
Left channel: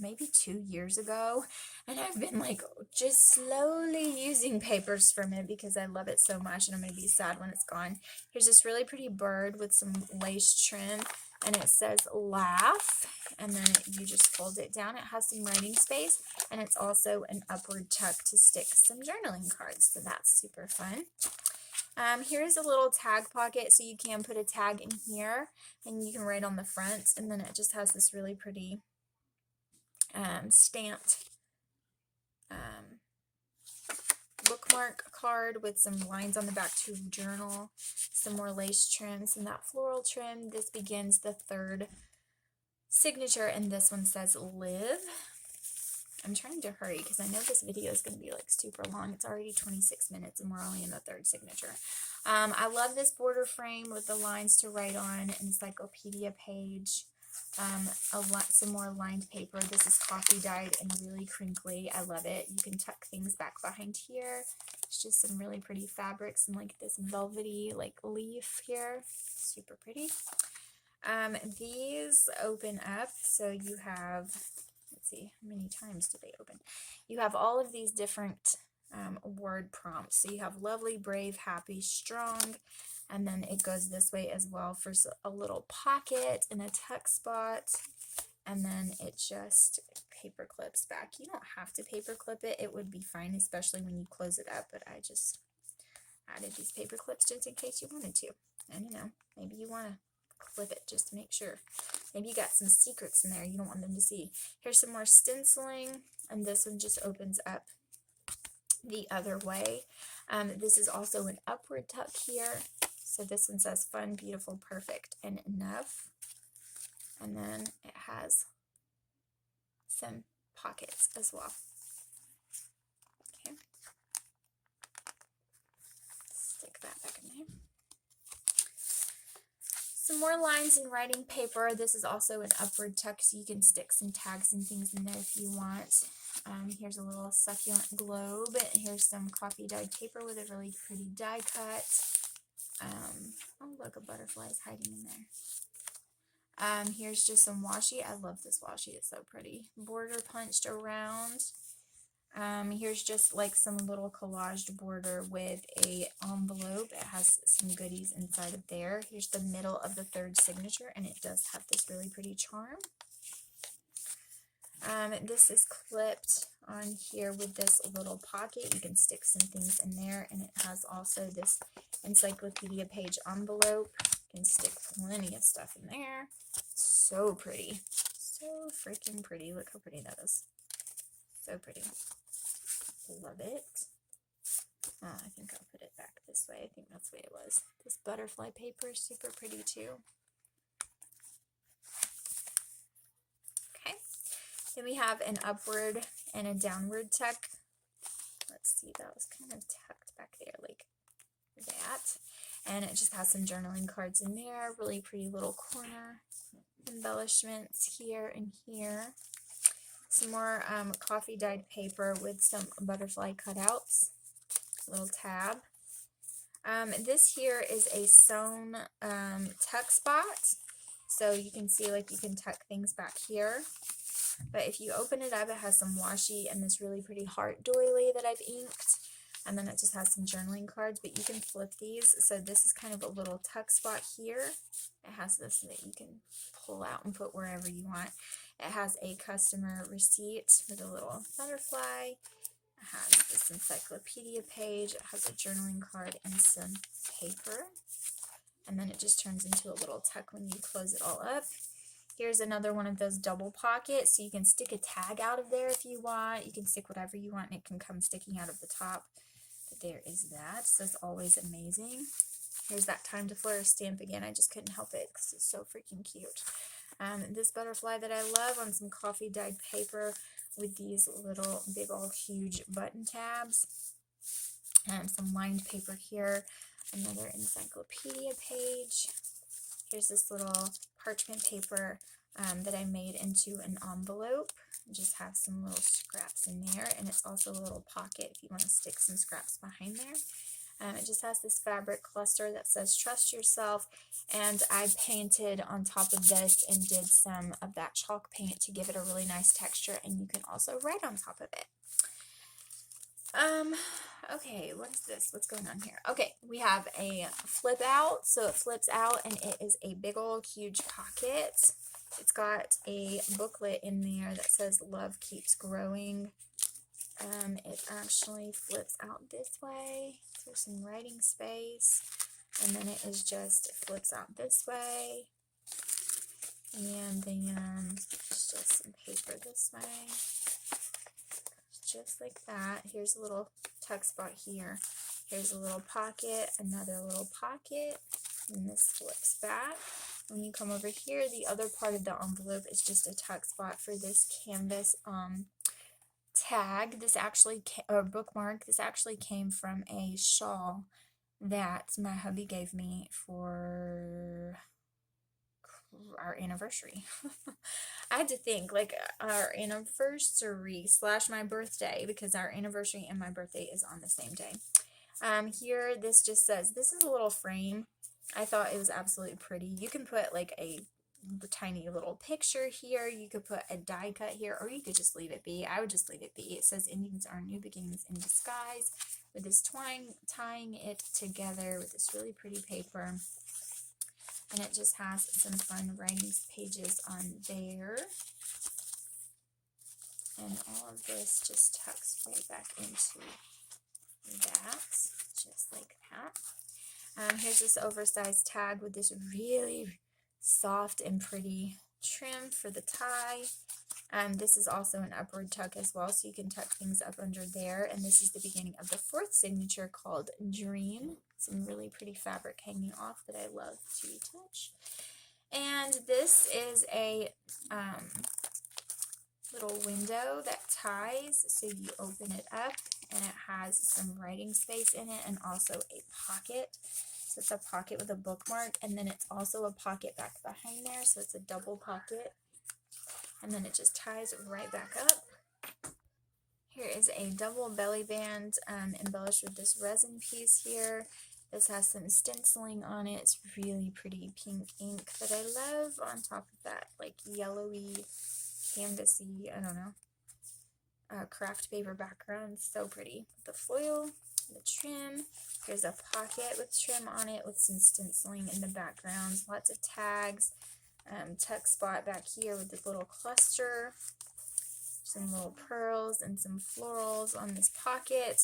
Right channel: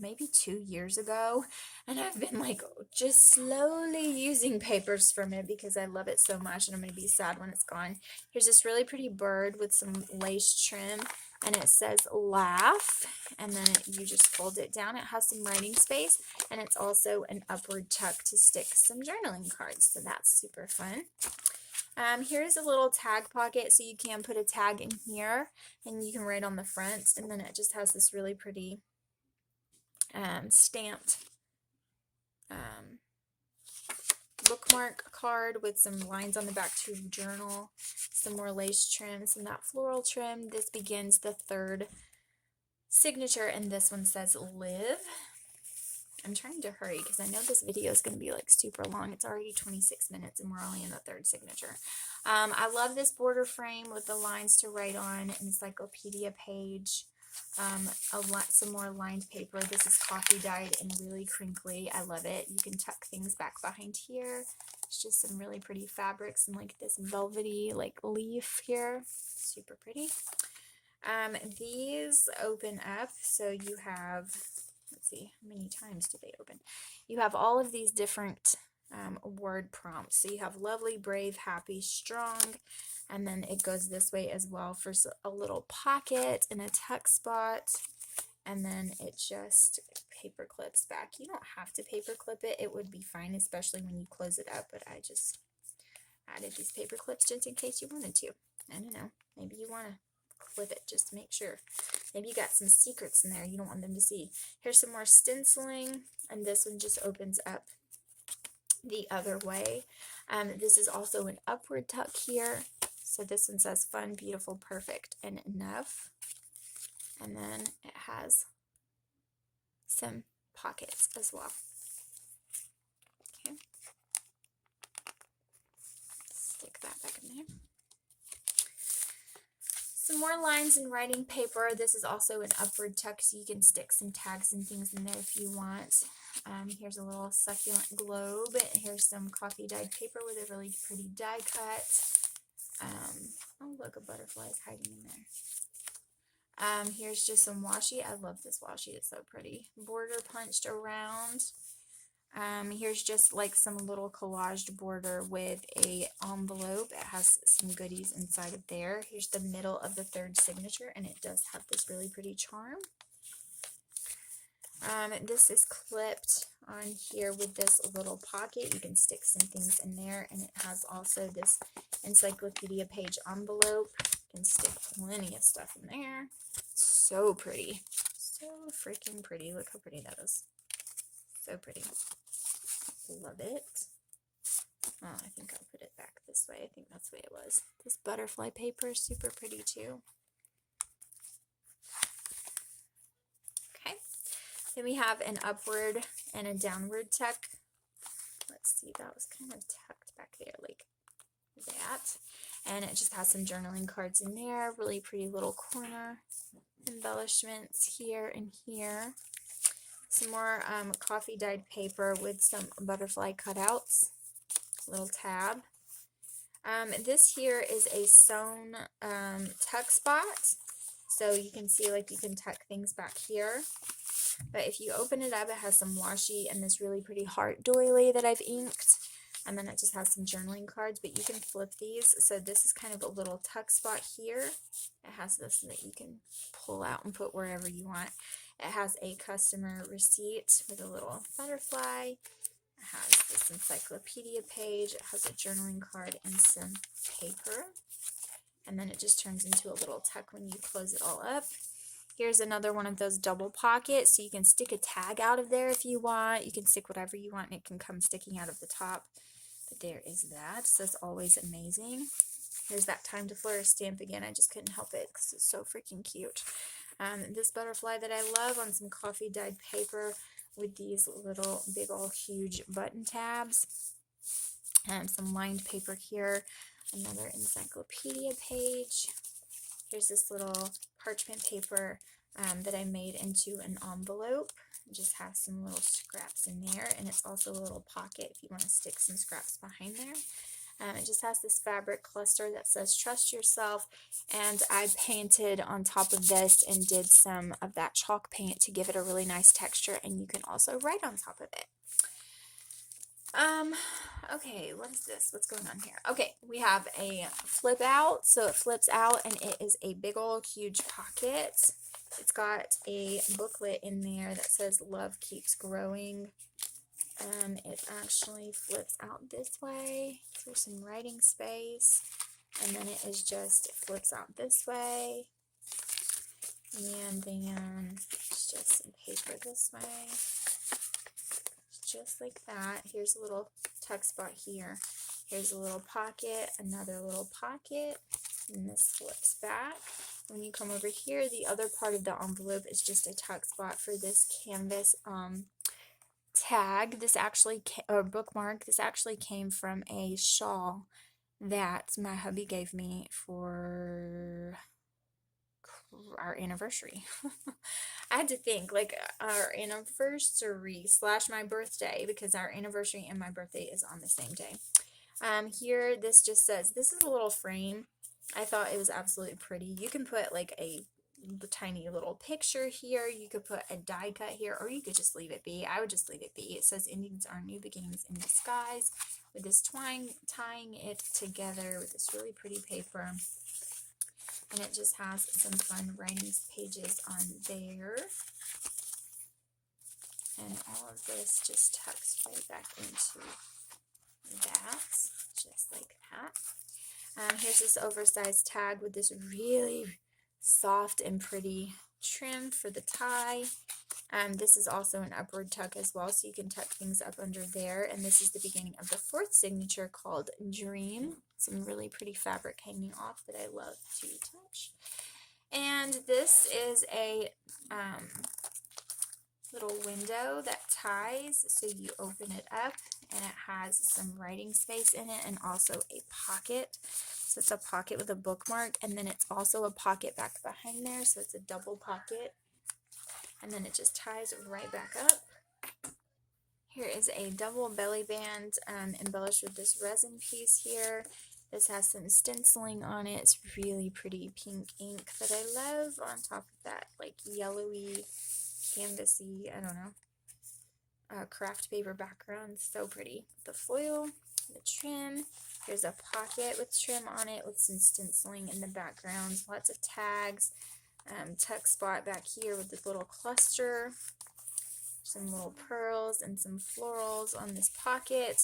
maybe 2 years ago, and I've been like just slowly using papers from it because I love it so much, and I'm going to be sad when it's gone. Here's this really pretty bird with some lace trim, and it says laugh, and then you just fold it down. It has some writing space, and it's also an upward tuck to stick some journaling cards, so that's super fun. Here's a little tag pocket, so you can put a tag in here, and you can write on the front, and then it just has this really pretty stamped bookmark card with some lines on the back to journal, some more lace trim, some that floral trim. This begins the third signature, and this one says live. I'm trying to hurry because I know this video is going to be like super long. It's already 26 minutes and we're only in the third signature. I love this border frame with the lines to write on, encyclopedia page. Some more lined paper. This is coffee dyed and really crinkly. I love it. You can tuck things back behind here. It's just some really pretty fabrics and like this velvety like leaf here. Super pretty. These open up, so you have, let's see, how many times do they open? You have all of these different word prompts. So you have lovely, brave, happy, strong. And then it goes this way as well for a little pocket and a tuck spot. And then it just paper clips back. You don't have to paper clip it. It would be fine, especially when you close it up. But I just added these paper clips just in case you wanted to. I don't know. Maybe you want to clip it just to make sure. Maybe you got some secrets in there you don't want them to see. Here's some more stenciling. And this one just opens up the other way. This is also an upward tuck here. So this one says fun, beautiful, perfect, and enough. And then it has some pockets as well. Okay. Stick that back in there. Some more lines and writing paper. This is also an upward tuck, so you can stick some tags and things in there if you want. Here's a little succulent globe. Here's some coffee dyed paper with a really pretty die cut. Oh, look, a butterfly is hiding in there. Here's just some washi. I love this washi. It's so pretty. Border punched around. Here's just like some little collaged border with a envelope. It has some goodies inside of there. Here's the middle of the third signature, and it does have this really pretty charm. This is clipped on here with this little pocket. You can stick some things in there, and it has also this encyclopedia page envelope. You can stick plenty of stuff in there. So pretty. So freaking pretty. Look how pretty that is. So pretty. Love it. Oh, I think I'll put it back this way. I think that's the way it was. This butterfly paper is super pretty too. Okay. Then we have an upward and a downward tuck. Let's see, that was kind of tucked back there like that. And it just has some journaling cards in there. Really pretty little corner embellishments here and here. Some more coffee dyed paper with some butterfly cutouts. Little tab. This here is a sewn tuck spot. So you can see like you can tuck things back here. But if you open it up, it has some washi and this really pretty heart doily that I've inked. And then it just has some journaling cards, but you can flip these. So this is kind of a little tuck spot here. It has this that you can pull out and put wherever you want. It has a customer receipt with a little butterfly. It has this encyclopedia page. It has a journaling card and some paper. And then it just turns into a little tuck when you close it all up. Here's another one of those double pockets, so you can stick a tag out of there if you want. You can stick whatever you want, and it can come sticking out of the top. But there is that. So that's always amazing. There's that Time to Flourish stamp again. I just couldn't help it because it's so freaking cute. This butterfly that I love on some coffee dyed paper with these little big old huge button tabs. Some lined paper here. Another encyclopedia page. Here's this little parchment paper that I made into an envelope. It just has some little scraps in there, and it's also a little pocket if you want to stick some scraps behind there. It just has this fabric cluster that says trust yourself, and I painted on top of this and did some of that chalk paint to give it a really nice texture, and you can also write on top of it. Okay, what is this? What's going on here? Okay, we have a flip out, so it flips out and it is a big old huge pocket. It's got a booklet in there that says Love Keeps Growing. It actually flips out this way for some writing space, and then it is just, it flips out this way, and then it's just some paper this way, just like that. Here's a little tuck spot here. Here's a little pocket, another little pocket, and this flips back. When you come over here, the other part of the envelope is just a tuck spot for this canvas tag. This actually or bookmark. This actually came from a shawl that my hubby gave me for our anniversary. I had to think, like, our anniversary / my birthday, because our anniversary and my birthday is on the same day. Here, this just says, this is a little frame. I thought it was absolutely pretty. You can put like a tiny little picture here. You could put a die cut here, or you could just leave it be. I would just leave it be. It says endings are new beginnings in disguise, with this tying it together with this really pretty paper. And it just has some fun writing pages on there. And all of this just tucks right back into that, just like that. Here's this oversized tag with this really soft and pretty trim for the tie. This is also an upward tuck as well, so you can tuck things up under there. And this is the beginning of the 4th signature called Dream. Some really pretty fabric hanging off that I love to touch. And this is a little window that ties, so you open it up and it has some writing space in it and also a pocket. So it's a pocket with a bookmark, and then it's also a pocket back behind there, so it's a double pocket. And then it just ties right back up. Here is a double belly band embellished with this resin piece here. This has some stenciling on it. It's really pretty pink ink that I love on top of that like yellowy, canvasy, I don't know, craft paper background. So pretty. The foil, the trim. There's a pocket with trim on it with some stenciling in the background. Lots of tags. Tuck spot back here with this little cluster. Some little pearls and some florals on this pocket.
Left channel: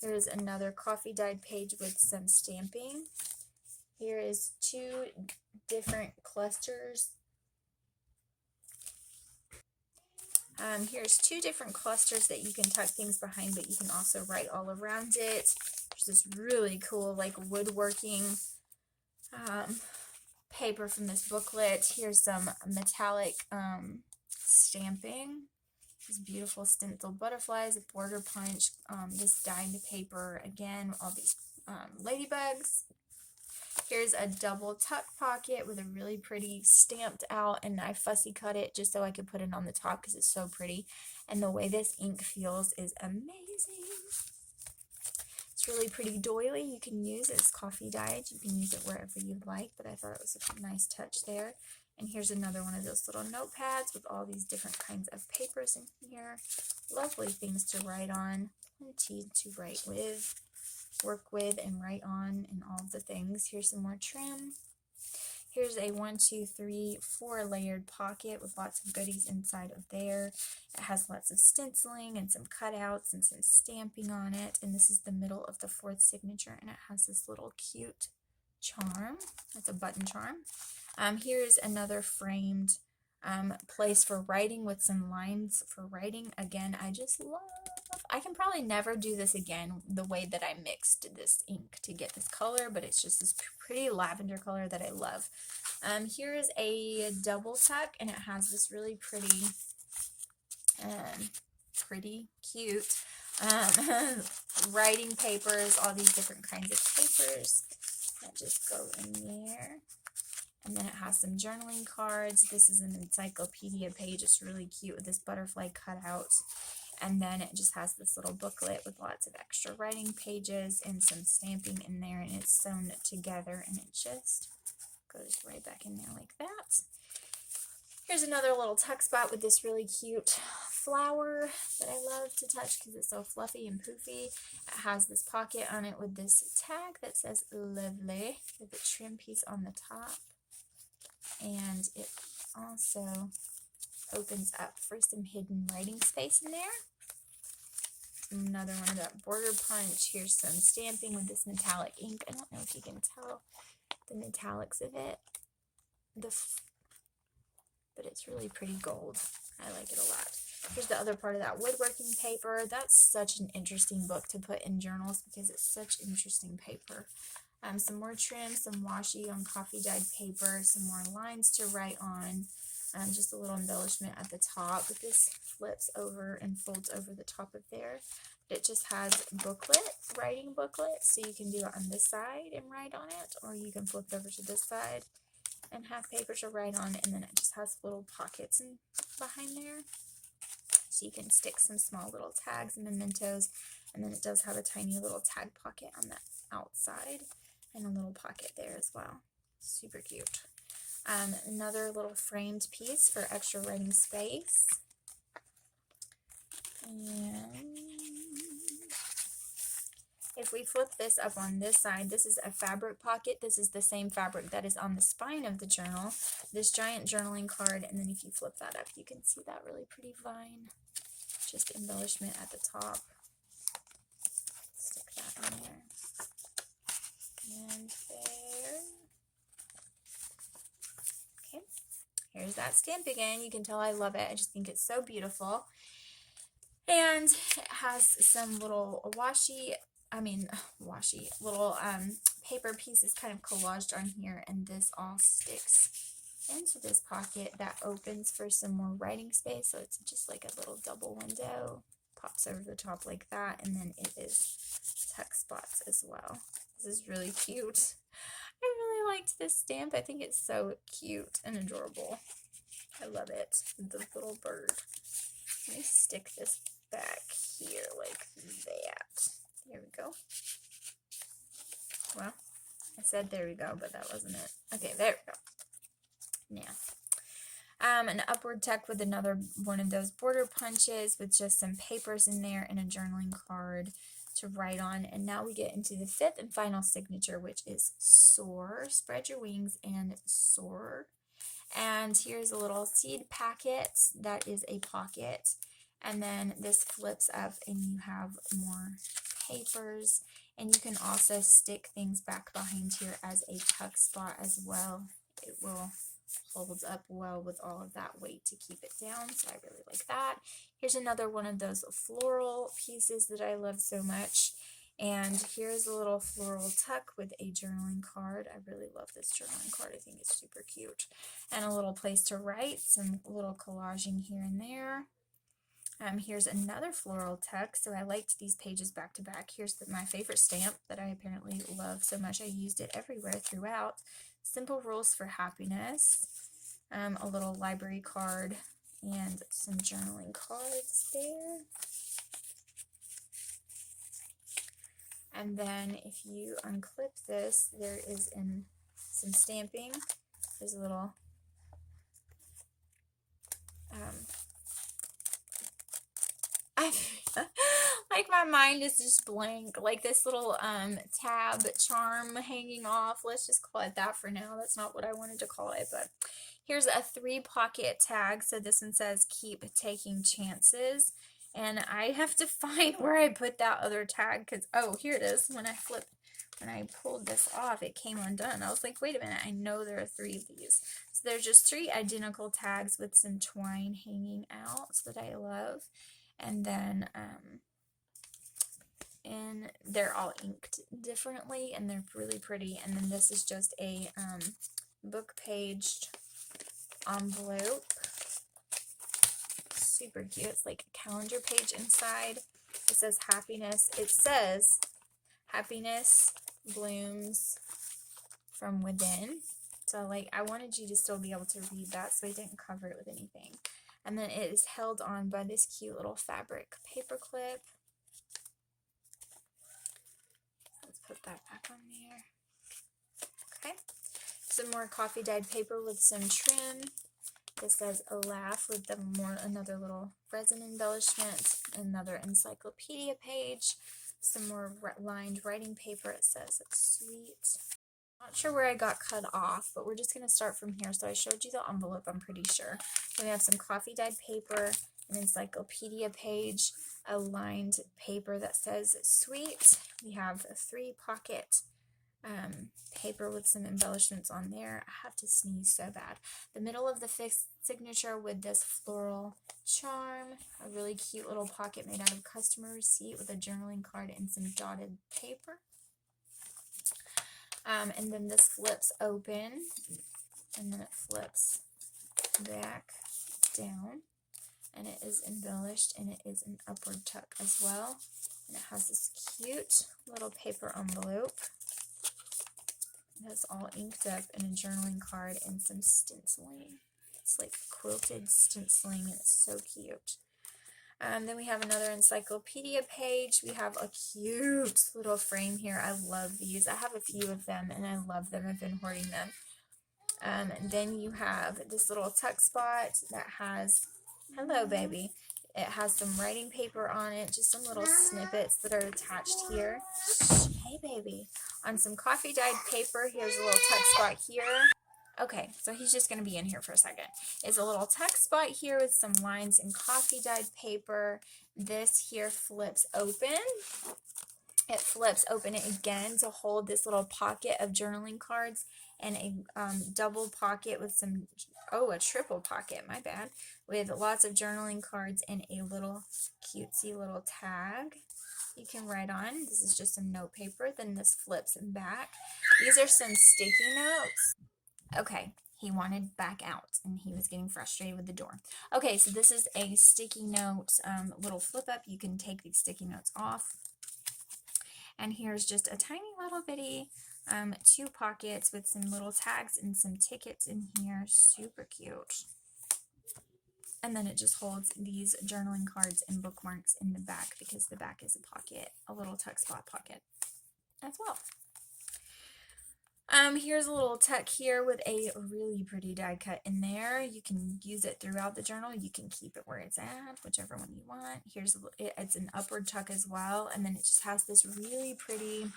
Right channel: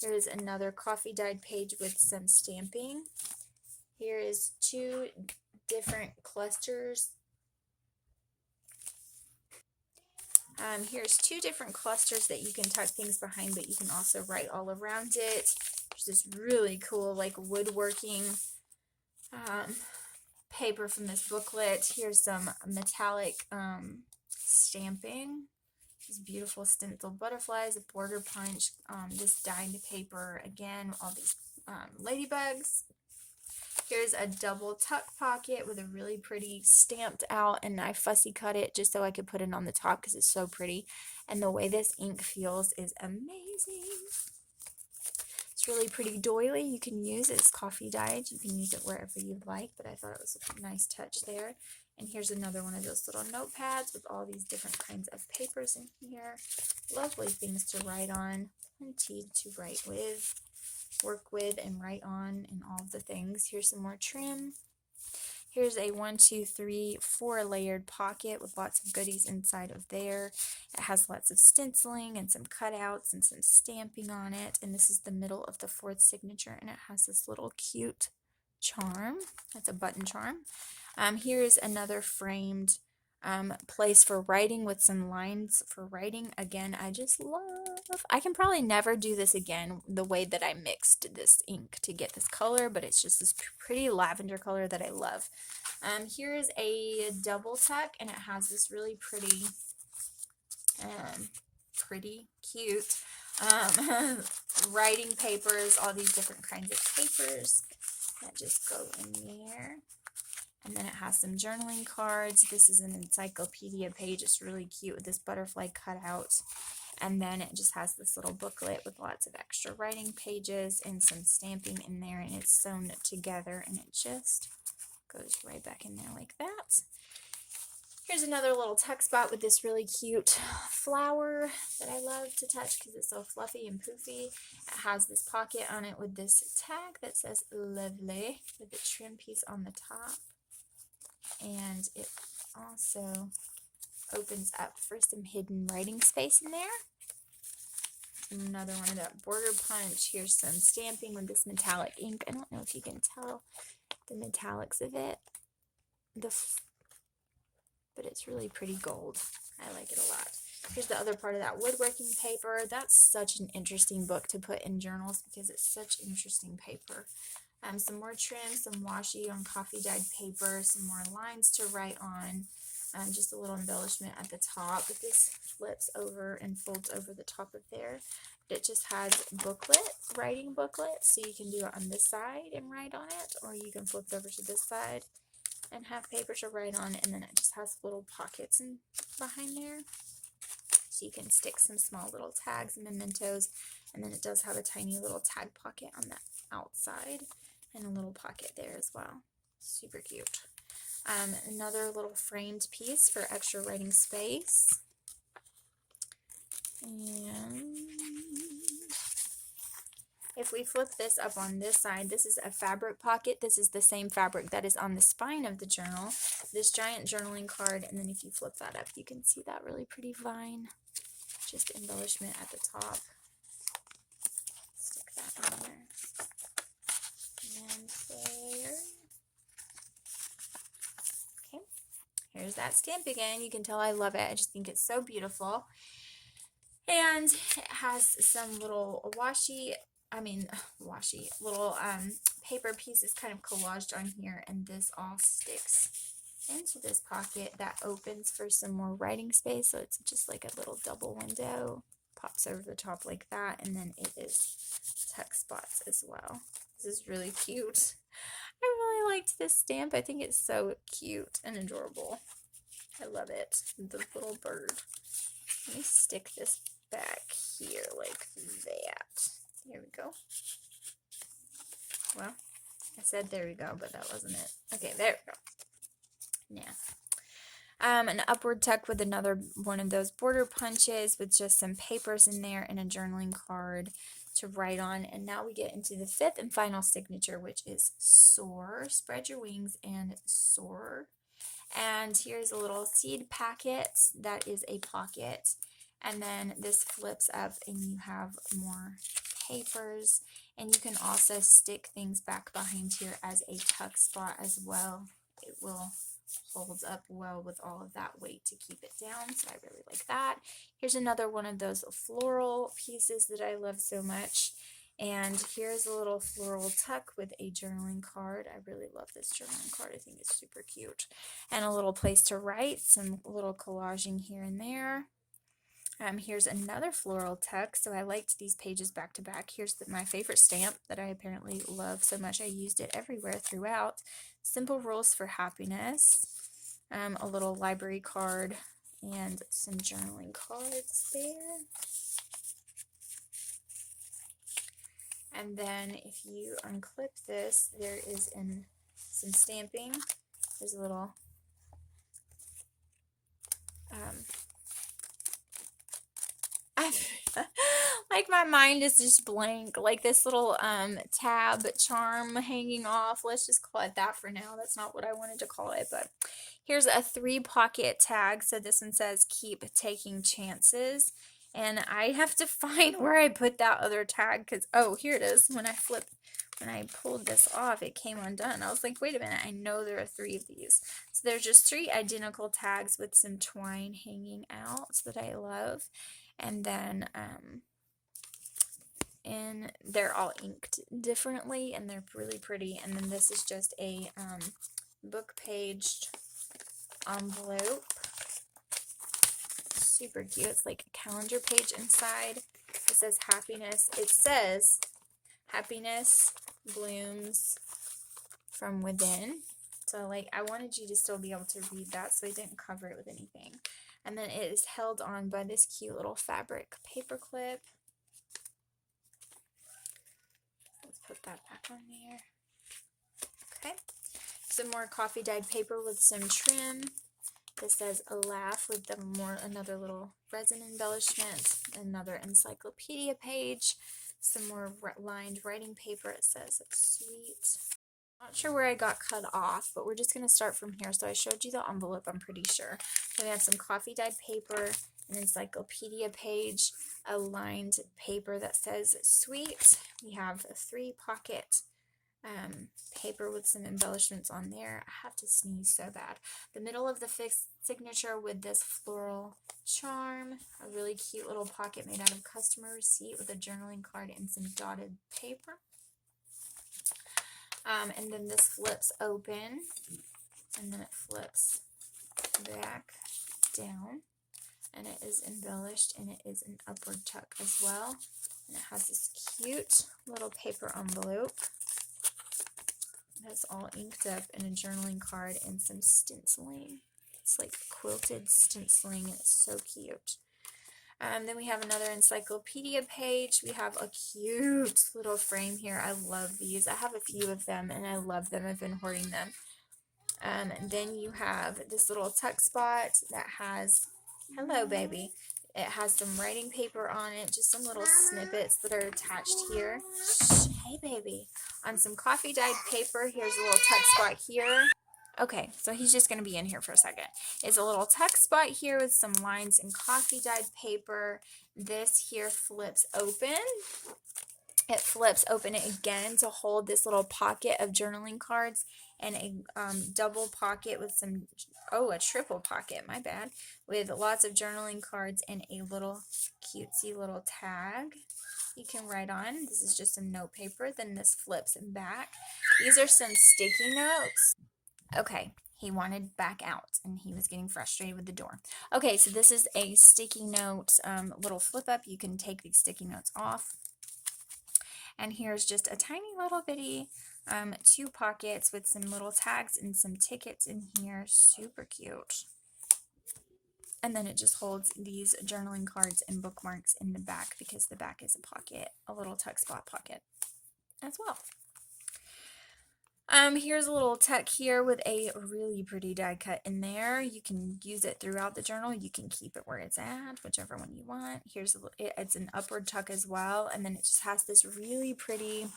Here is another coffee dyed page with some stamping. Here is 2 different clusters. Here's 2 different clusters that you can tuck things behind, but you can also write all around it. There's this really cool like woodworking paper from this booklet. Here's some metallic stamping. These beautiful stencil butterflies, a border punch, this dyed paper again, all these ladybugs. Here's a double tuck pocket with a really pretty stamped out, and I fussy cut it just so I could put it on the top because it's so pretty. And the way this ink feels is amazing. It's really pretty doily. You can use it. It's coffee dyed. You can use it wherever you'd like, but I thought it was a nice touch there. And here's another one of those little notepads with all these different kinds of papers in here. Lovely things to write on. Plenty to write with, work with, and write on, and all of the things. Here's some more trim. Here's a 1, 2, 3, 4 layered pocket with lots of goodies inside of there. It has lots of stenciling and some cutouts and some stamping on it. And this is the middle of the 4th signature, and it has this little cute charm. That's a button charm. Here is another framed place for writing with some lines for writing. Again, I just love, I can probably never do this again the way that I mixed this ink to get this color, but it's just this pretty lavender color that I love. Here's a double tuck, and it has this really pretty, cute writing papers, all these different kinds of papers that just go in there. And then it has some journaling cards. This is an encyclopedia page. It's really cute with this butterfly cutout. And then it just has this little booklet with lots of extra writing pages and some stamping in there. And it's sewn together, and it just goes right back in there like that. Here's another little tuck spot with this really cute flower that I love to touch because it's so fluffy and poofy. It has this pocket on it with this tag that says lovely with a trim piece on the top. And it also opens up for some hidden writing space in there. Another one of that border punch. Here's some stamping with this metallic ink. I don't know if you can tell the metallics of it, but it's really pretty gold. I like it a lot. Here's the other part of that woodworking paper. That's such an interesting book to put in journals because it's such interesting paper. Some more trim, some washi on coffee dyed paper, some more lines to write on, just a little embellishment at the top. But this flips over and folds over the top of there. It just has booklets, writing booklets, so you can do it on this side and write on it, or you can flip it over to this side and have paper to write on, and then it just has little pockets behind there, so you can stick some small little tags and mementos, and then it does have a tiny little tag pocket on the outside, and a little pocket there as well. Super cute. Another little framed piece for extra writing space. And if we flip this up on this side, this is a fabric pocket. This is the same fabric that is on the spine of the journal. This giant journaling card, and then if you flip that up, you can see that really pretty vine. Just embellishment at the top. Stick that in there. And there. Okay, here's that stamp again. You can tell I love it. I just think it's so beautiful. And it has some little little paper pieces kind of collaged on here, and this all sticks into this pocket that opens for some more writing space. So it's just like a little double window, pops over the top like that, and then it is tuck spots as well. This is really cute. I really liked this stamp. I think it's so cute and adorable. I love it. The little bird. Let me stick this back here like that. There we go. Well, I said there we go, but that wasn't it. Okay, there we go. Now, an upward tuck with another one of those border punches with just some papers in there and a journaling card to write on. And now we get into the fifth and final signature, which is soar. Spread your wings and soar. And here's a little seed packet that is a pocket. And then this flips up and you have more papers. And you can also stick things back behind here as a tuck spot as well. It will hold up well with all of that weight to keep it down. So I really like that. Here's another one of those floral pieces that I love so much. And here's a little floral tuck with a journaling card. I really love this journaling card. I think it's super cute. And a little place to write, some little collaging here and there. Here's another floral tuck. So I liked these pages back to back. Here's my favorite stamp that I apparently love so much. I used it everywhere throughout. Simple Rules for Happiness. A little library card and some journaling cards there. And then if you unclip this, there is some stamping. There's a little like my mind is just blank, like this little tab charm hanging off. Let's just call it that for now. That's not what I wanted to call it, but here's a 3-pocket tag. So this one says keep taking chances, and I have to find where I put that other tag because, oh, here it is. When when I pulled this off, it came undone. I was like, wait a minute, I know there are 3 of these. So there's just 3 identical tags with some twine hanging out that I love. And then, and they're all inked differently, and they're really pretty. And then this is just a book paged envelope. Super cute. It's like a calendar page inside. It says happiness. It says happiness blooms from within. So like I wanted you to still be able to read that, so I didn't cover it with anything. And then it is held on by this cute little fabric paper clip. Let's put that back on there. Okay. Some more coffee dyed paper with some trim. This says a laugh with another little resin embellishment, another encyclopedia page, some more lined writing paper. It says it's sweet. Not sure where I got cut off, but we're just going to start from here. So I showed you the envelope, I'm pretty sure. So we have some coffee dyed paper, an encyclopedia page, a lined paper that says sweet. We have a 3 pocket paper with some embellishments on there. I have to sneeze so bad. The middle of the signature with this floral charm, a really cute little pocket made out of customer receipt with a journaling card and some dotted paper. And then this flips open, and then it flips back down, and it is embellished, and it is an upward tuck as well. And it has this cute little paper envelope. It's all inked up in a journaling card and some stenciling. It's like quilted stenciling, and it's so cute. Then we have another encyclopedia page. We have a cute little frame here. I love these. I have a few of them, and I love them. I've been hoarding them. And then you have this little tuck spot that has, hello baby, it has some writing paper on it, just some little snippets that are attached here. Shh, hey baby. On some coffee dyed paper, here's a little tuck spot here. Okay, so he's just going to be in here for a second. It's a little tuck spot here with some lines in coffee dyed paper. This here flips open. It flips open again to hold this little pocket of journaling cards, and a double pocket with some, a triple pocket, my bad, with lots of journaling cards and a little cutesy little tag you can write on. This is just some note paper. Then this flips back. These are some sticky notes. Okay, he wanted back out, and he was getting frustrated with the door. Okay, so this is a sticky note little flip up. You can take these sticky notes off. And here's just a tiny little bitty 2 pockets with some little tags and some tickets in here. Super cute. And then it just holds these journaling cards and bookmarks in the back, because the back is a pocket, a little tuck spot pocket as well. Here's a little tuck here with a really pretty die cut in there. You can use it throughout the journal. You can keep it where it's at, whichever one you want. Here's it's an upward tuck as well, and then it just has this really pretty,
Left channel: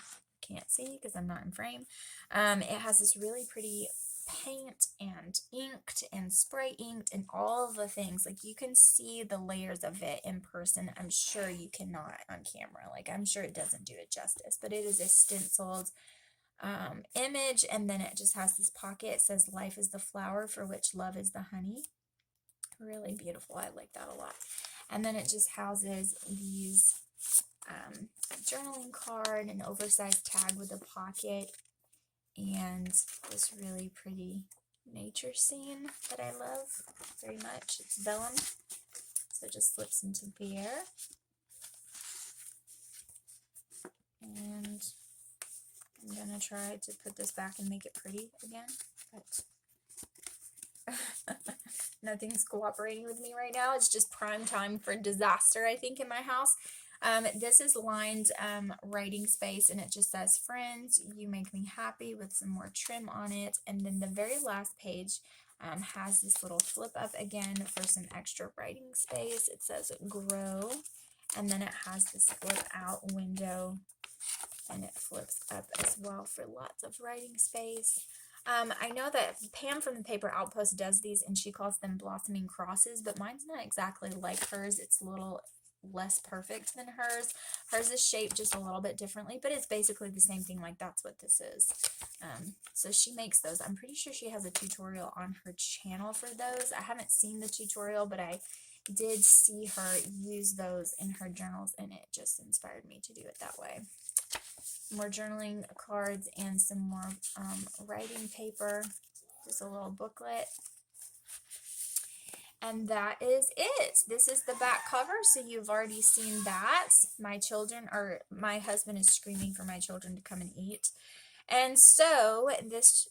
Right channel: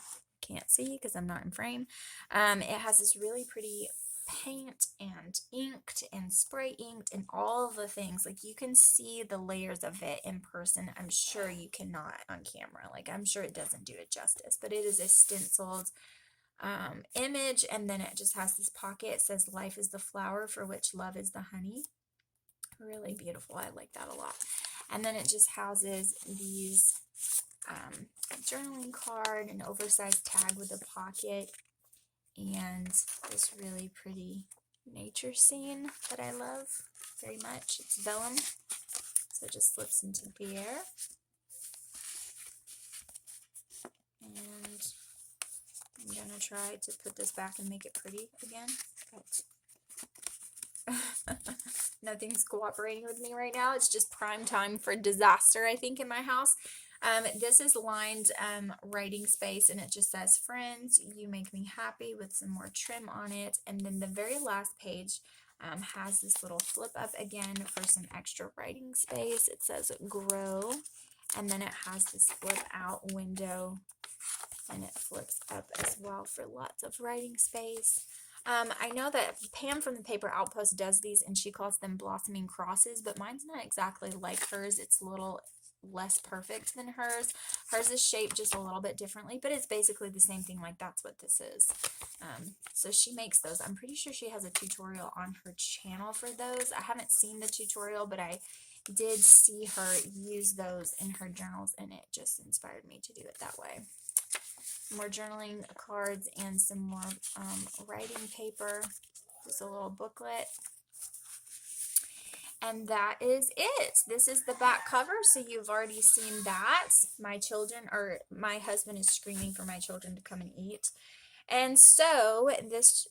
can't see because I'm not in frame. It has this really pretty paint and inked and spray inked and all the things. Like, you can see the layers of it in person. I'm sure you cannot on camera. Like, I'm sure it doesn't do it justice, but it is a stenciled image, and then it just has this pocket. It says life is the flower for which love is the honey. Really beautiful. I like that a lot. And then it just houses these journaling card, an oversized tag with a pocket, and this really pretty nature scene that I love very much. It's vellum, so it just slips into the air. And I'm going to try to put this back and make it pretty again, but nothing's cooperating with me right now. It's just prime time for disaster, I think, in my house. This is lined writing space, and it just says, friends, you make me happy, with some more trim on it. And then the very last page has this little flip up again for some extra writing space. It says grow, and then it has this flip out window, and it flips up as well for lots of writing space. I know that Pam from the Paper Outpost does these, and she calls them blossoming crosses, but mine's not exactly like hers. It's a little less perfect than hers. Hers is shaped just a little bit differently, but it's basically the same thing. Like, that's what this is. So she makes those. I'm pretty sure she has a tutorial on her channel for those. I haven't seen the tutorial, but I did see her use those in her journals, and it just inspired me to do it that way. More journaling cards and some more writing paper. Just a little booklet. And that is it. This is the back cover, so you've already seen that. My husband is screaming for my children to come and eat. And so this,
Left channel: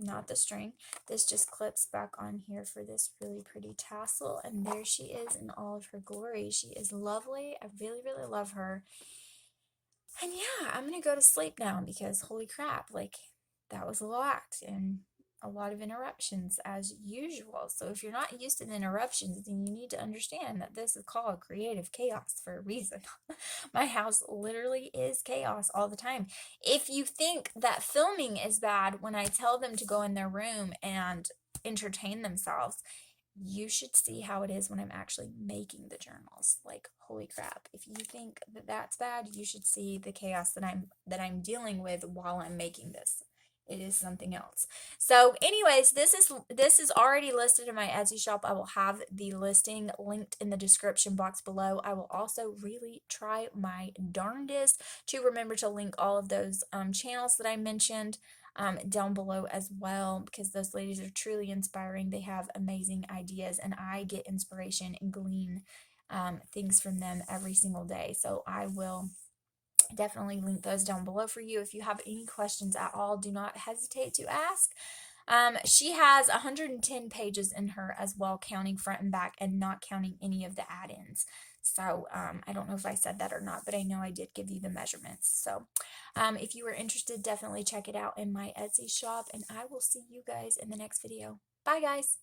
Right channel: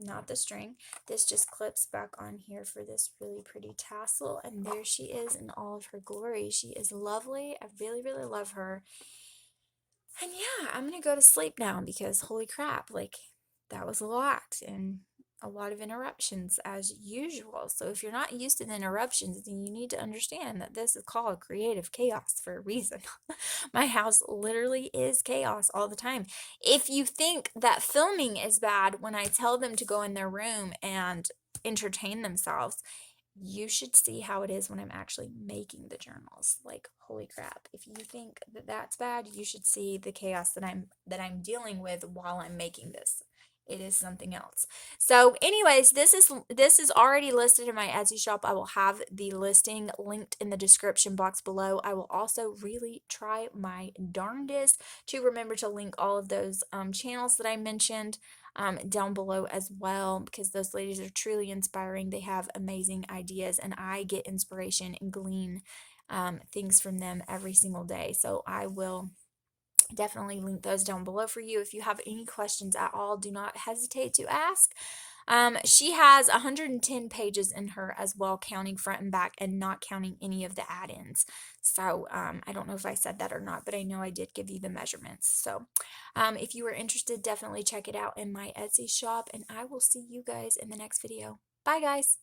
not the string, this just clips back on here for this really pretty tassel. And there she is in all of her glory. She is lovely. I really, really love her. And yeah, I'm going to go to sleep now because holy crap, like that was a lot and a lot of interruptions as usual. So if you're not used to the interruptions, then you need to understand that this is called creative chaos for a reason. My house literally is chaos all the time. If you think that filming is bad when I tell them to go in their room and entertain themselves, you should see how it is when I'm actually making the journals. Like, holy crap. If you think that that's bad, you should see the chaos that I'm dealing with while I'm making this. It is something else. So anyways, this is already listed in my Etsy shop. I will have the listing linked in the description box below. I will also really try my darndest to remember to link all of those channels that I mentioned down below as well, because those ladies are truly inspiring. They have amazing ideas, and I get inspiration and glean things from them every single day. So I will definitely link those down below for you. If you have any questions at all, do not hesitate to ask. She has 110 pages in her as well, counting front and back and not counting any of the add-ins. So I don't know if I said that or not, but I know I did give you the measurements. So if you are interested, definitely check it out in my Etsy shop, and I will see you guys in the next video. Bye, guys.